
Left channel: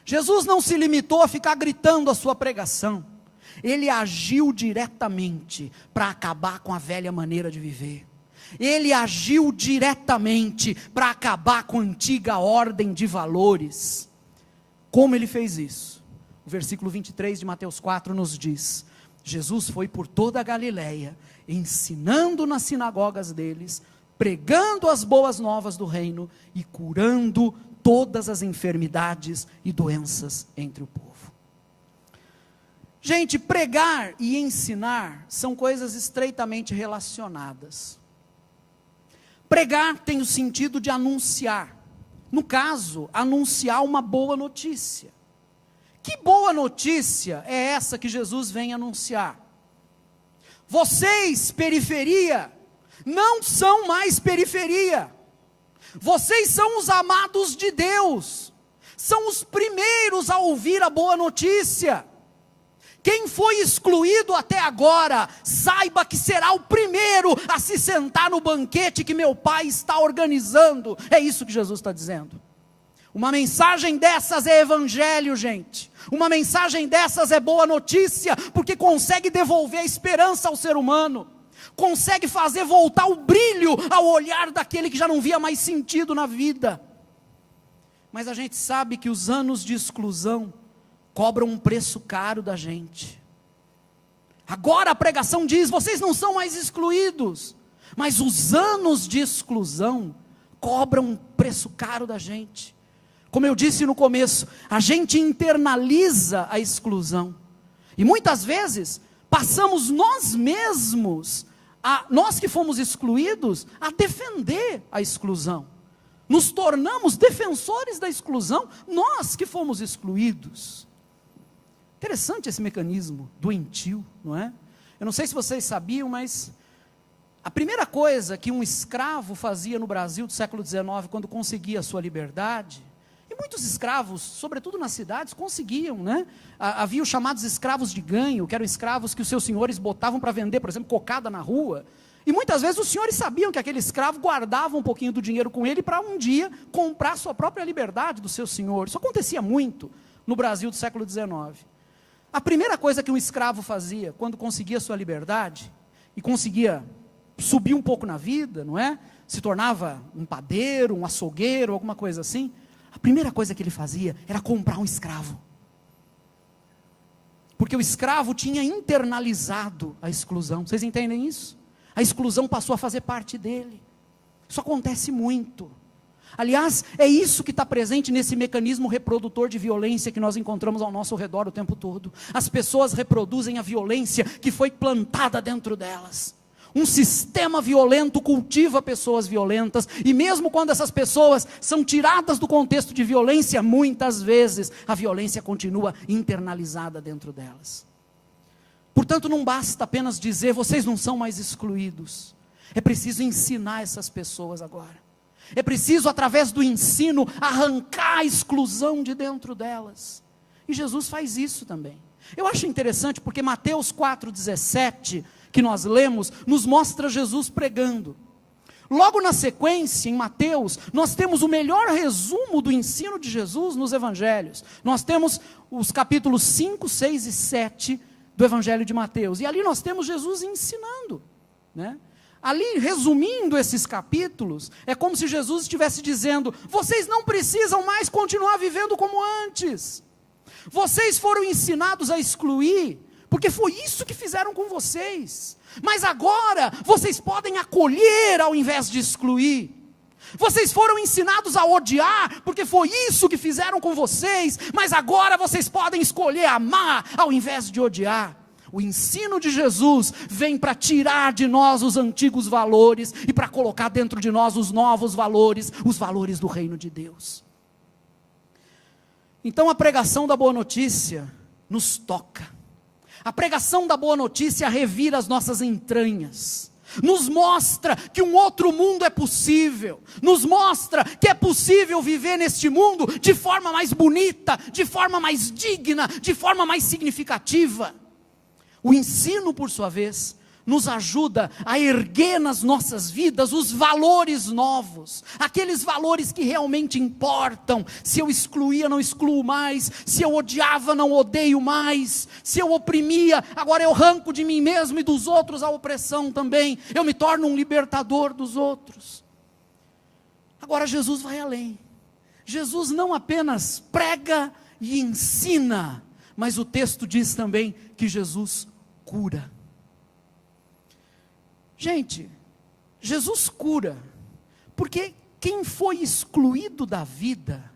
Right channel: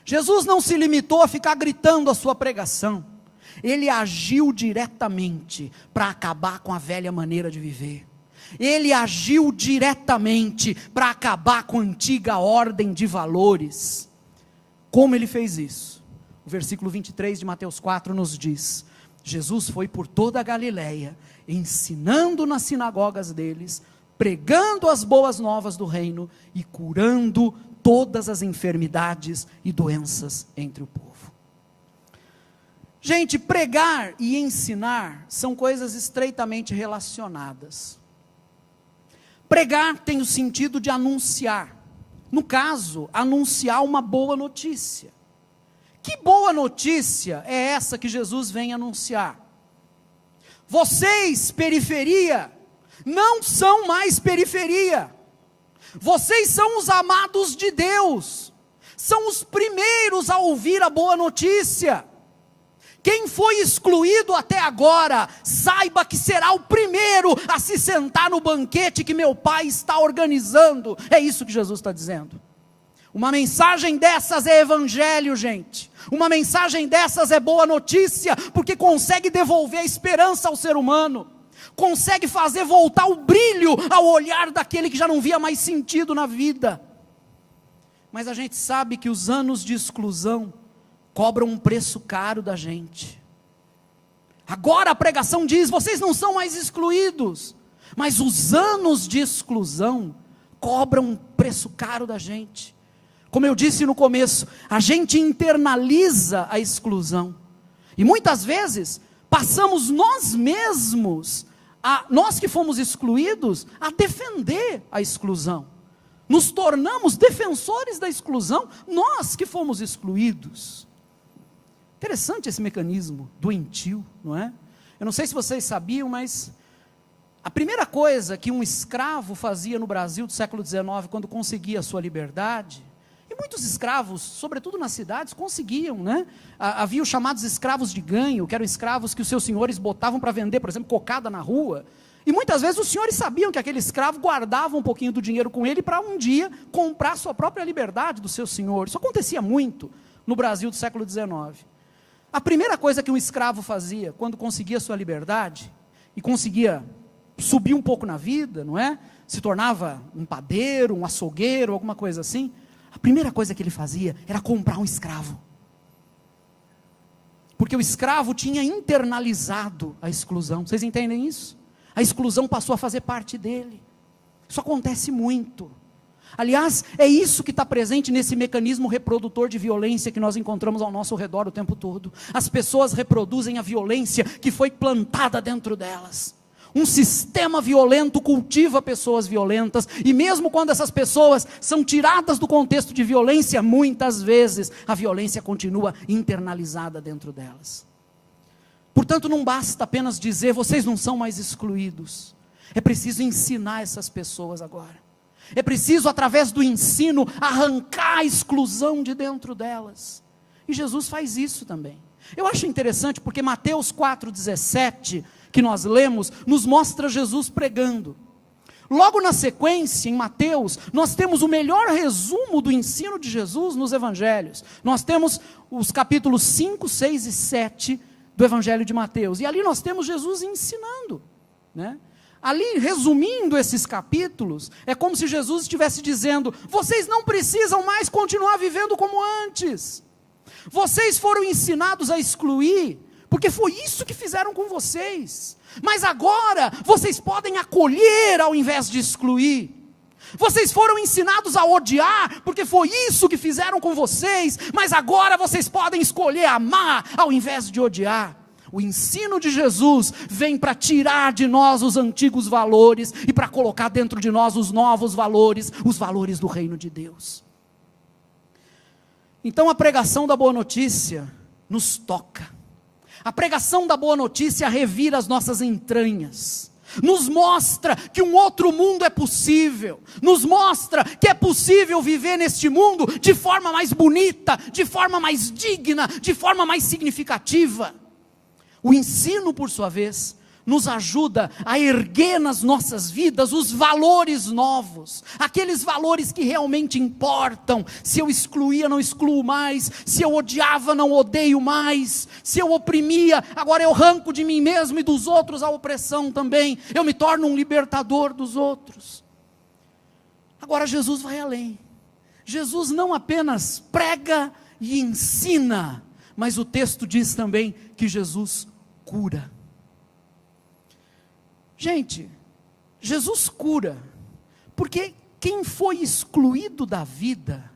Jesus não se limitou a ficar gritando a sua pregação, ele agiu diretamente para acabar com a velha maneira de viver. Ele agiu diretamente para acabar com a antiga ordem de valores. Como ele fez isso? O versículo 23 de Mateus 4 nos diz: Jesus foi por toda a Galileia, ensinando nas sinagogas deles, pregando as boas novas do reino e curando todas as enfermidades e doenças entre o povo. Gente, pregar e ensinar são coisas estreitamente relacionadas. Pregar tem o sentido de anunciar. No caso, anunciar uma boa notícia. Que boa notícia é essa que Jesus vem anunciar? Vocês, periferia, não são mais periferia. Vocês são os amados de Deus. São os primeiros a ouvir a boa notícia. Quem foi excluído até agora, saiba que será o primeiro a se sentar no banquete que meu Pai está organizando. É isso que Jesus está dizendo. Uma mensagem dessas é evangelho, gente. Uma mensagem dessas é boa notícia, porque consegue devolver a esperança ao ser humano. Consegue fazer voltar o brilho ao olhar daquele que já não via mais sentido na vida. Mas a gente sabe que os anos de exclusão cobram um preço caro da gente. Agora a pregação diz: vocês não são mais excluídos. Mas os anos de exclusão cobram um preço caro da gente. Como eu disse no começo, a gente internaliza a exclusão. E muitas vezes, passamos nós mesmos, nós que fomos excluídos, a defender a exclusão. Nos tornamos defensores da exclusão, nós que fomos excluídos. Interessante esse mecanismo doentio, não é? Eu não sei se vocês sabiam, mas a primeira coisa que um escravo fazia no Brasil do século XIX, quando conseguia a sua liberdade, e muitos escravos, sobretudo nas cidades, conseguiam, né? Havia os chamados escravos de ganho, que eram escravos que os seus senhores botavam para vender, por exemplo, cocada na rua. E muitas vezes os senhores sabiam que aquele escravo guardava um pouquinho do dinheiro com ele para um dia comprar sua própria liberdade do seu senhor. Isso acontecia muito no Brasil do século XIX. A primeira coisa que um escravo fazia quando conseguia sua liberdade e conseguia subir um pouco na vida, não é? Se tornava um padeiro, um açougueiro, alguma coisa assim. A primeira coisa que ele fazia era comprar um escravo. Porque o escravo tinha internalizado a exclusão. Vocês entendem isso? A exclusão passou a fazer parte dele. Isso acontece muito. Aliás, é isso que está presente nesse mecanismo reprodutor de violência que nós encontramos ao nosso redor o tempo todo. As pessoas reproduzem a violência que foi plantada dentro delas. Um sistema violento cultiva pessoas violentas, e mesmo quando essas pessoas são tiradas do contexto de violência, muitas vezes a violência continua internalizada dentro delas. Portanto, não basta apenas dizer, vocês não são mais excluídos. É preciso ensinar essas pessoas agora. É preciso, através do ensino, arrancar a exclusão de dentro delas. E Jesus faz isso também. Eu acho interessante porque Mateus 4,17, que nós lemos, nos mostra Jesus pregando. Logo na sequência, em Mateus, nós temos o melhor resumo do ensino de Jesus nos evangelhos. Nós temos os capítulos 5, 6 e 7 do Evangelho de Mateus, e ali nós temos Jesus ensinando, né? Ali, resumindo esses capítulos, é como se Jesus estivesse dizendo, vocês não precisam mais continuar vivendo como antes, vocês foram ensinados a excluir, porque foi isso que fizeram com vocês, mas agora, vocês podem acolher ao invés de excluir. Vocês foram ensinados a odiar, porque foi isso que fizeram com vocês, mas agora vocês podem escolher amar, ao invés de odiar. O ensino de Jesus vem para tirar de nós os antigos valores, e para colocar dentro de nós os novos valores, os valores do reino de Deus. Então a pregação da boa notícia nos toca. A pregação da boa notícia revira as nossas entranhas. Nos mostra que um outro mundo é possível, nos mostra que é possível viver neste mundo de forma mais bonita, de forma mais digna, de forma mais significativa. O ensino, por sua vez, nos ajuda a erguer nas nossas vidas os valores novos, aqueles valores que realmente importam. Se eu excluía, não excluo mais. Se eu odiava, não odeio mais. Se eu oprimia, agora eu arranco de mim mesmo e dos outros a opressão também. Eu me torno um libertador dos outros. Agora Jesus vai além. Jesus não apenas prega e ensina, mas o texto diz também que Jesus cura. Gente, Jesus cura, porque quem foi excluído da vida,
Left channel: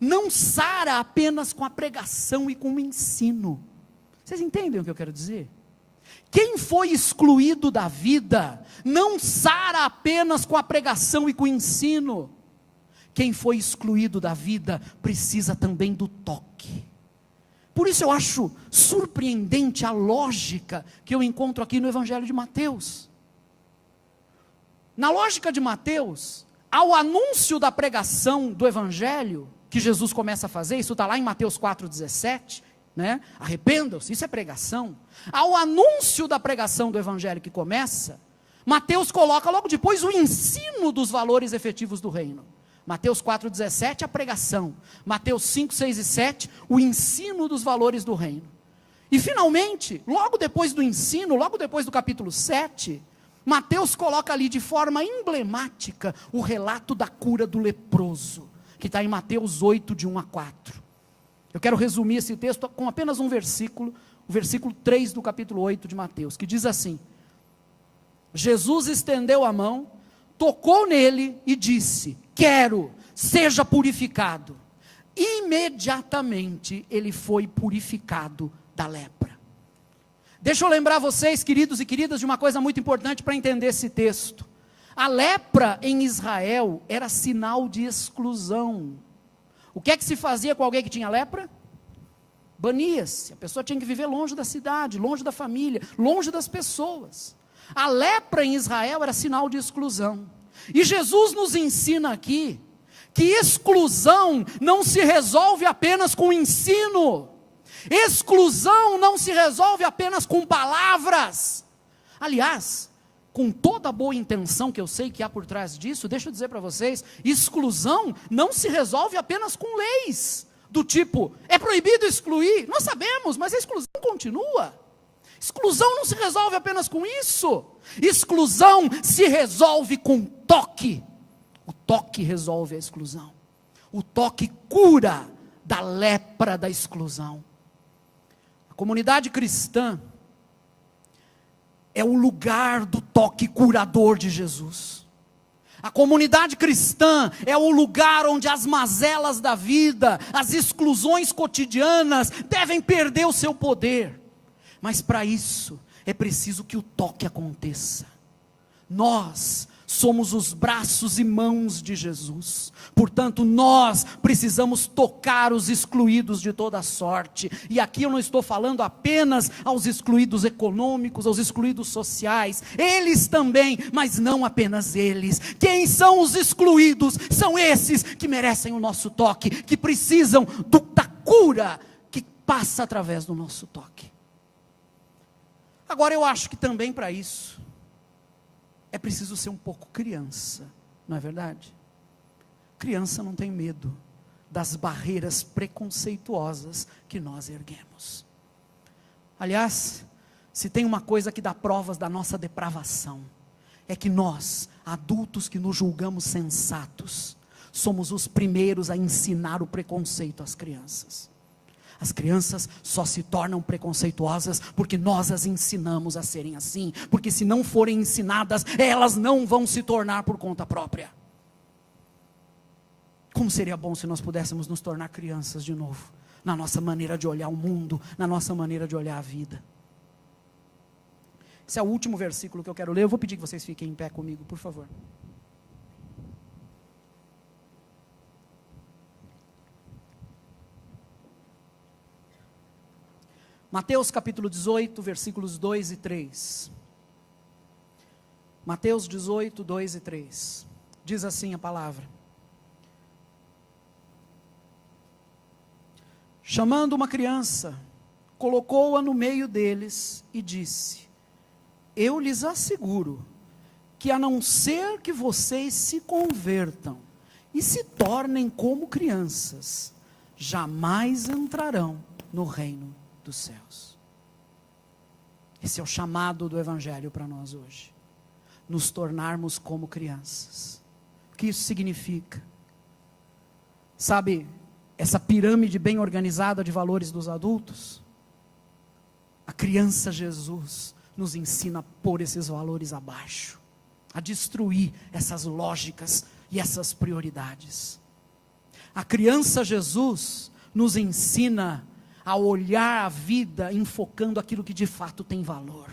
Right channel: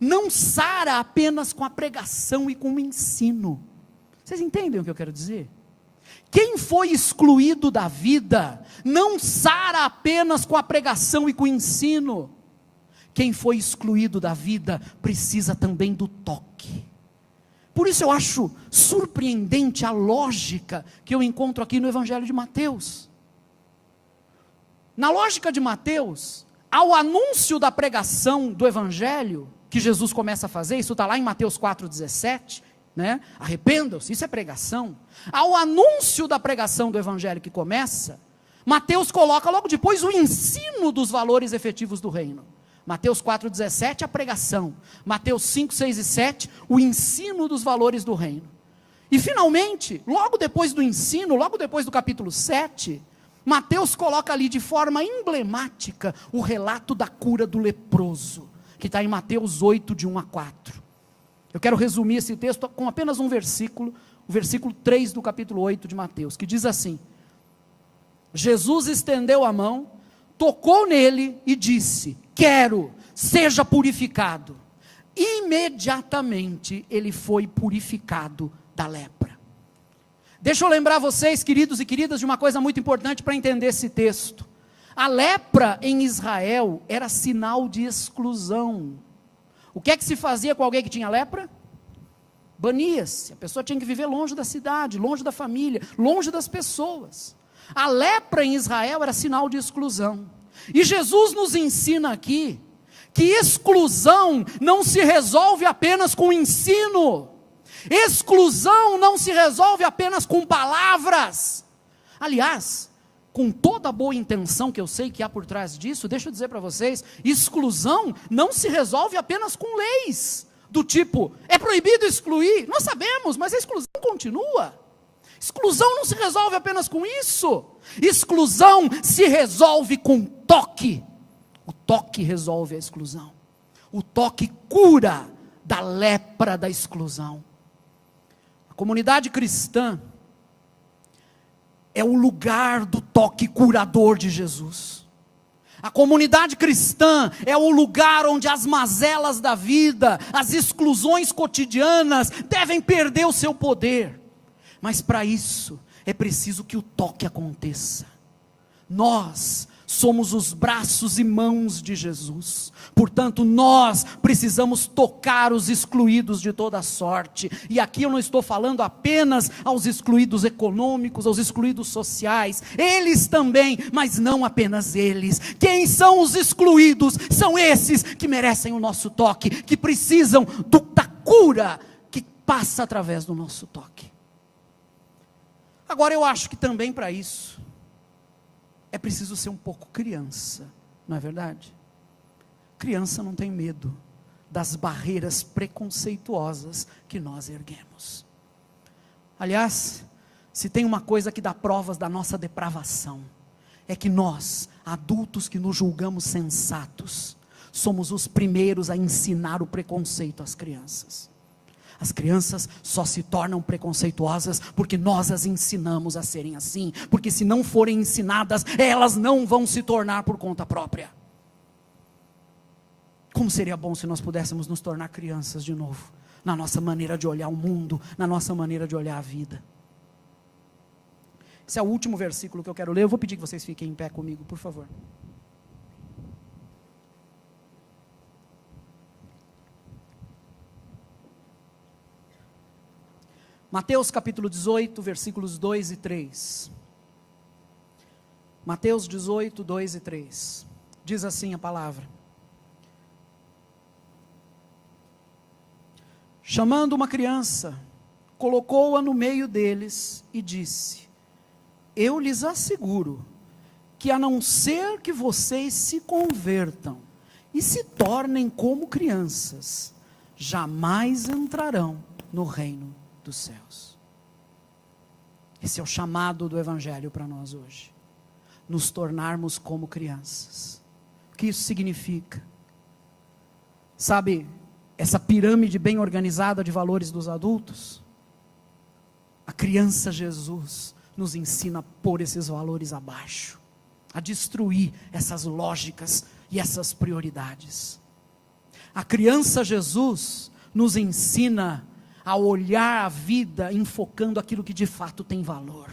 não sara apenas com a pregação e com o ensino. Vocês entendem o que eu quero dizer? Quem foi excluído da vida, não sara apenas com a pregação e com o ensino. Quem foi excluído da vida, precisa também do toque. Por isso eu acho surpreendente a lógica que eu encontro aqui no Evangelho de Mateus. Na lógica de Mateus, ao anúncio da pregação do Evangelho, que Jesus começa a fazer, isso está lá em Mateus 4,17, né? Arrependam-se, isso é pregação. Ao anúncio da pregação do Evangelho que começa, Mateus coloca logo depois o ensino dos valores efetivos do reino. Mateus 4,17, a pregação. Mateus 5, 6 e 7, o ensino dos valores do reino. E finalmente, logo depois do ensino, logo depois do capítulo 7, Mateus coloca ali de forma emblemática o relato da cura do leproso, que está em Mateus 8, de 1 a 4. Eu quero resumir esse texto com apenas um versículo, o versículo 3 do capítulo 8 de Mateus, que diz assim: Jesus estendeu a mão, tocou nele e disse: quero, seja purificado. Imediatamente ele foi purificado da lepra. Deixa eu lembrar vocês, queridos e queridas, de uma coisa muito importante para entender esse texto. A lepra em Israel era sinal de exclusão. O que é que se fazia com alguém que tinha lepra? Bania-se. A pessoa tinha que viver longe da cidade, longe da família, longe das pessoas. A lepra em Israel era sinal de exclusão. E Jesus nos ensina aqui que exclusão não se resolve apenas com ensino. Exclusão não se resolve apenas com palavras. Aliás, com toda a boa intenção que eu sei que há por trás disso, deixa eu dizer para vocês, exclusão não se resolve apenas com leis, do tipo, é proibido excluir, nós sabemos, mas a exclusão continua. Exclusão não se resolve apenas com isso, exclusão se resolve com toque. O toque resolve a exclusão, o toque cura da lepra da exclusão. A comunidade cristã é o lugar do toque curador de Jesus. A comunidade cristã é o lugar onde as mazelas da vida, as exclusões cotidianas devem perder o seu poder. Mas para isso é preciso que o toque aconteça. Nós somos os braços e mãos de Jesus. Portanto, nós precisamos tocar os excluídos de toda sorte. E aqui eu não estou falando apenas aos excluídos econômicos, aos excluídos sociais. Eles também, mas não apenas eles. Quem são os excluídos? São esses que merecem o nosso toque, que precisam da cura que passa através do nosso toque. Agora eu acho que também para isso é preciso ser um pouco criança, não é verdade? Criança não tem medo das barreiras preconceituosas que nós erguemos. Aliás, se tem uma coisa que dá provas da nossa depravação, é que nós, adultos que nos julgamos sensatos, somos os primeiros a ensinar o preconceito às crianças. As crianças só se tornam preconceituosas porque nós as ensinamos a serem assim. Porque se não forem ensinadas, elas não vão se tornar por conta própria. Como seria bom se nós pudéssemos nos tornar crianças de novo, na nossa maneira de olhar o mundo, na nossa maneira de olhar a vida. Esse é o último versículo que eu quero ler. Eu vou pedir que vocês fiquem em pé comigo, por favor. Mateus capítulo 18, versículos 2 e 3. Mateus 18, 2 e 3. Diz assim a palavra: chamando uma criança, colocou-a no meio deles e disse: eu lhes asseguro que a não ser que vocês se convertam e se tornem como crianças, jamais entrarão no reino dos céus. Esse é o chamado do Evangelho para nós hoje, nos tornarmos como crianças. O que isso significa? Sabe, essa pirâmide bem organizada de valores dos adultos, a criança Jesus nos ensina a pôr esses valores abaixo, a destruir essas lógicas e essas prioridades. A criança Jesus nos ensina a olhar a vida enfocando aquilo que de fato tem valor.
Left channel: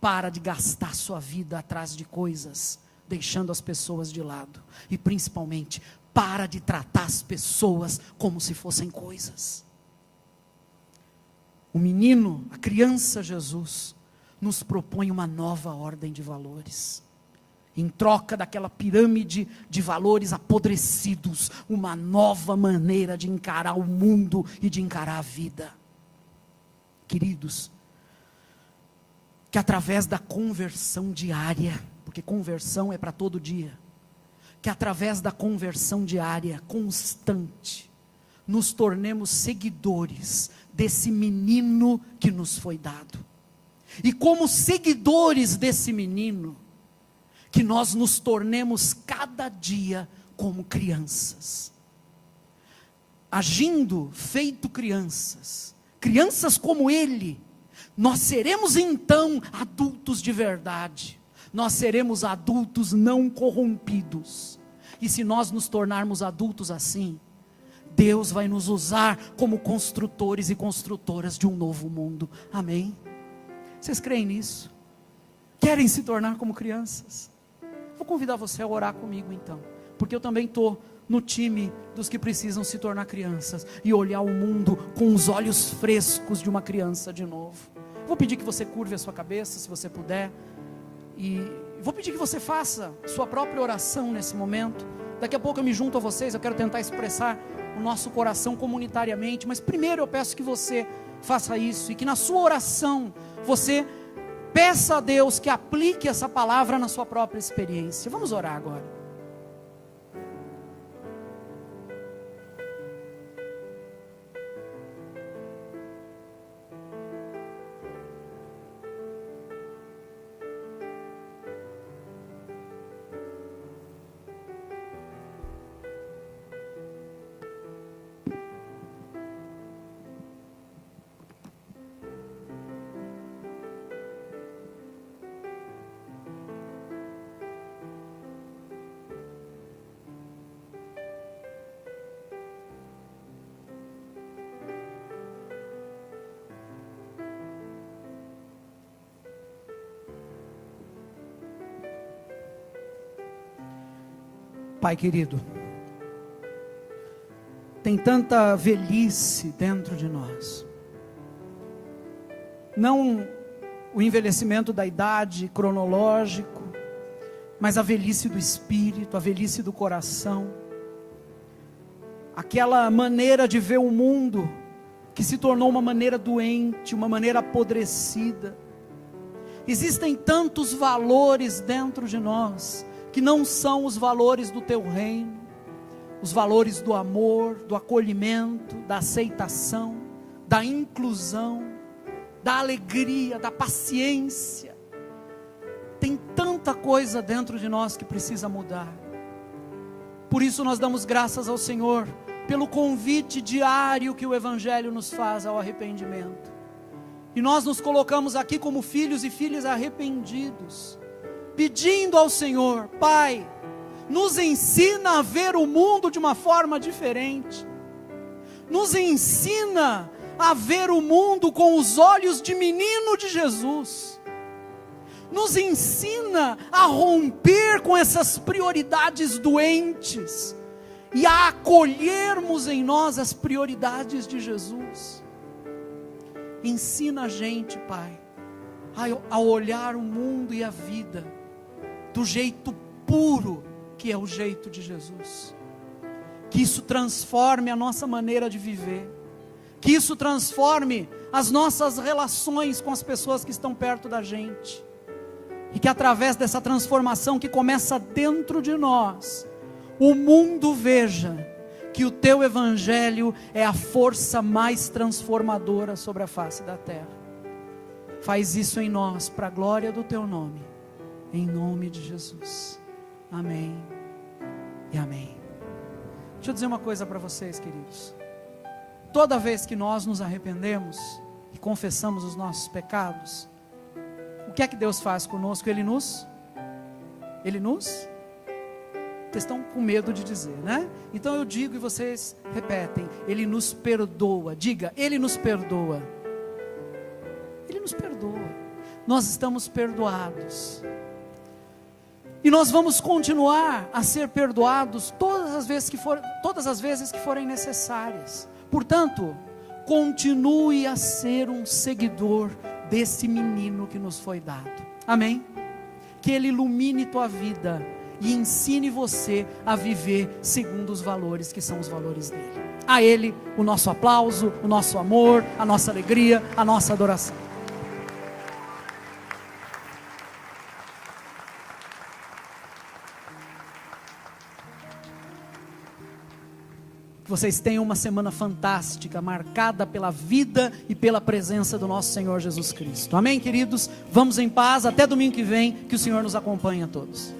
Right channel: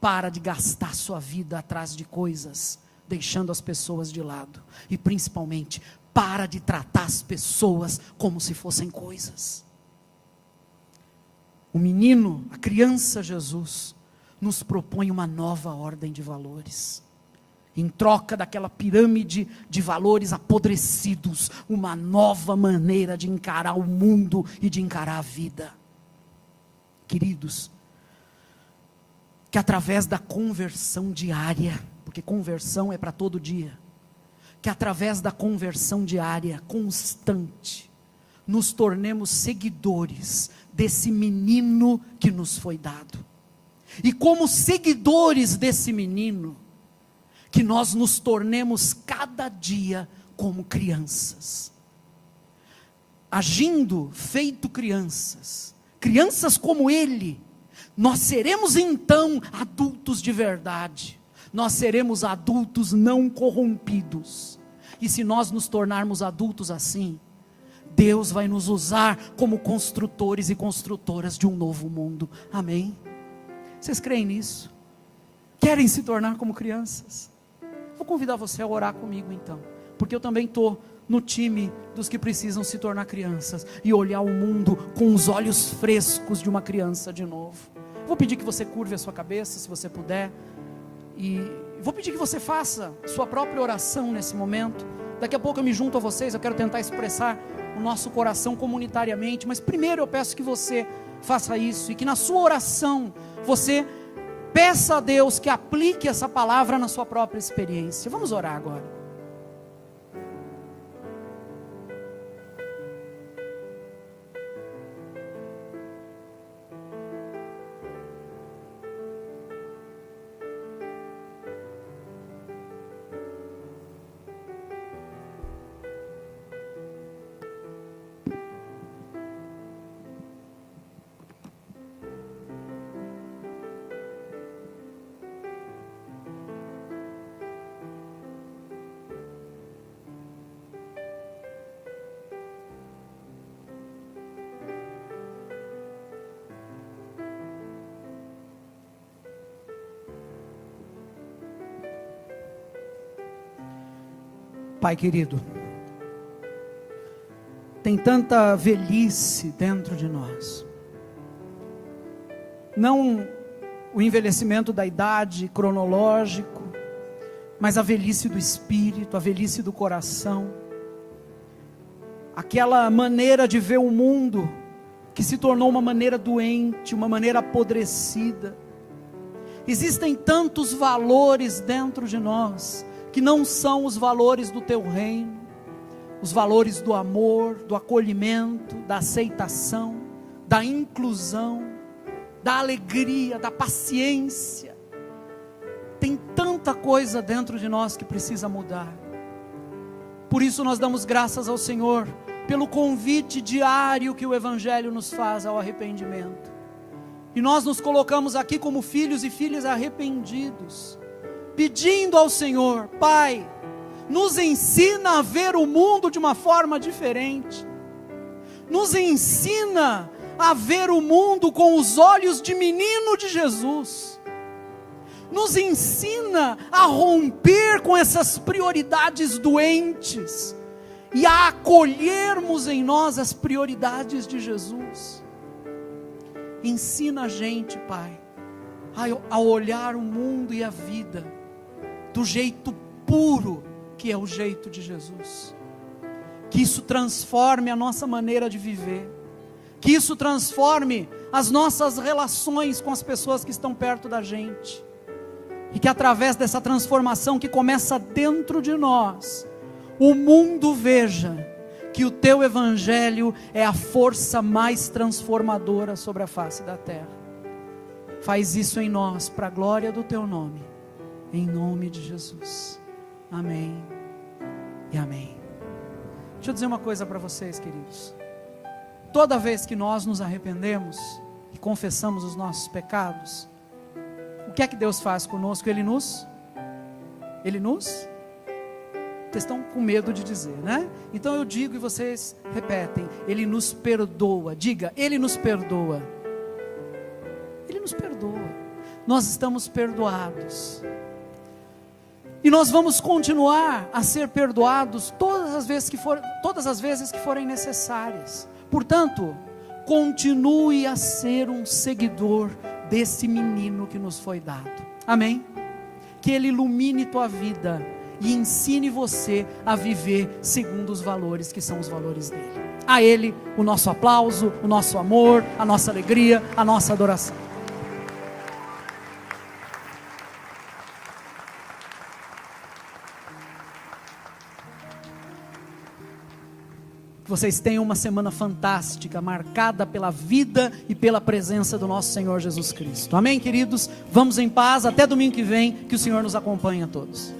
Para de gastar sua vida atrás de coisas, deixando as pessoas de lado. E principalmente, para de tratar as pessoas como se fossem coisas. O menino, a criança Jesus, nos propõe uma nova ordem de valores. Em troca daquela pirâmide de valores apodrecidos, uma nova maneira de encarar o mundo e de encarar a vida. Queridos, que através da conversão diária, porque conversão é para todo dia, que através da conversão diária, constante, nos tornemos seguidores desse menino que nos foi dado. E como seguidores desse menino, que nós nos tornemos cada dia como crianças, agindo feito crianças, crianças como ele, nós seremos então adultos de verdade, nós seremos adultos não corrompidos, e se nós nos tornarmos adultos assim, Deus vai nos usar como construtores e construtoras de um novo mundo, amém? Vocês creem nisso? Querem se tornar como crianças? Vou convidar você a orar comigo então, porque eu também estou no time dos que precisam se tornar crianças e olhar o mundo com os olhos frescos de uma criança de novo. Vou pedir que você curve a sua cabeça, se você puder, e vou pedir que você faça sua própria oração nesse momento. Daqui a pouco eu me junto a vocês, eu quero tentar expressar o nosso coração comunitariamente, mas primeiro eu peço que você faça isso, e que na sua oração, você peça a Deus que aplique essa palavra na sua própria experiência. Vamos orar agora. Pai querido, tem tanta velhice dentro de nós, não o envelhecimento da idade cronológico, mas a velhice do espírito, a velhice do coração, aquela maneira de ver o mundo que se tornou uma maneira doente, uma maneira apodrecida. Existem tantos valores dentro de nós que não são os valores do teu reino, os valores do amor, do acolhimento, da aceitação, da inclusão, da alegria, da paciência. Tem tanta coisa dentro de nós que precisa mudar. Por isso nós damos graças ao Senhor pelo convite diário que o Evangelho nos faz ao arrependimento. E nós nos colocamos aqui como filhos e filhas arrependidos, pedindo ao Senhor: Pai, nos ensina a ver o mundo de uma forma diferente, nos ensina a ver o mundo com os olhos de menino de Jesus, nos ensina a romper com essas prioridades doentes, e a acolhermos em nós as prioridades de Jesus. Ensina a gente, Pai, a olhar o mundo e a vida do jeito puro que é o jeito de Jesus. Que isso transforme a nossa maneira de viver, que isso transforme as nossas relações com as pessoas que estão perto da gente, e que através dessa transformação que começa dentro de nós, o mundo veja que o teu Evangelho é a força mais transformadora sobre a face da terra. Faz isso em nós, para a glória do teu nome, em nome de Jesus, amém e amém. Deixa eu dizer uma coisa para vocês, queridos. Toda vez que nós nos arrependemos e confessamos os nossos pecados, o que é que Deus faz conosco? Ele nos, vocês estão com medo de dizer, né? Então eu digo e vocês repetem: Ele nos perdoa. Diga: Ele nos perdoa. Ele nos perdoa. Nós estamos perdoados. E nós vamos continuar a ser perdoados todas as vezes que forem necessárias. Portanto, continue a ser um seguidor desse menino que nos foi dado. Amém? Que ele ilumine tua vida e ensine você a viver segundo os valores que são os valores dele. A ele o nosso aplauso, o nosso amor, a nossa alegria, a nossa adoração. Vocês tenham uma semana fantástica, marcada pela vida e pela presença do nosso Senhor Jesus Cristo. Amém, queridos? Vamos em paz, até domingo que vem, que o Senhor nos acompanhe a todos.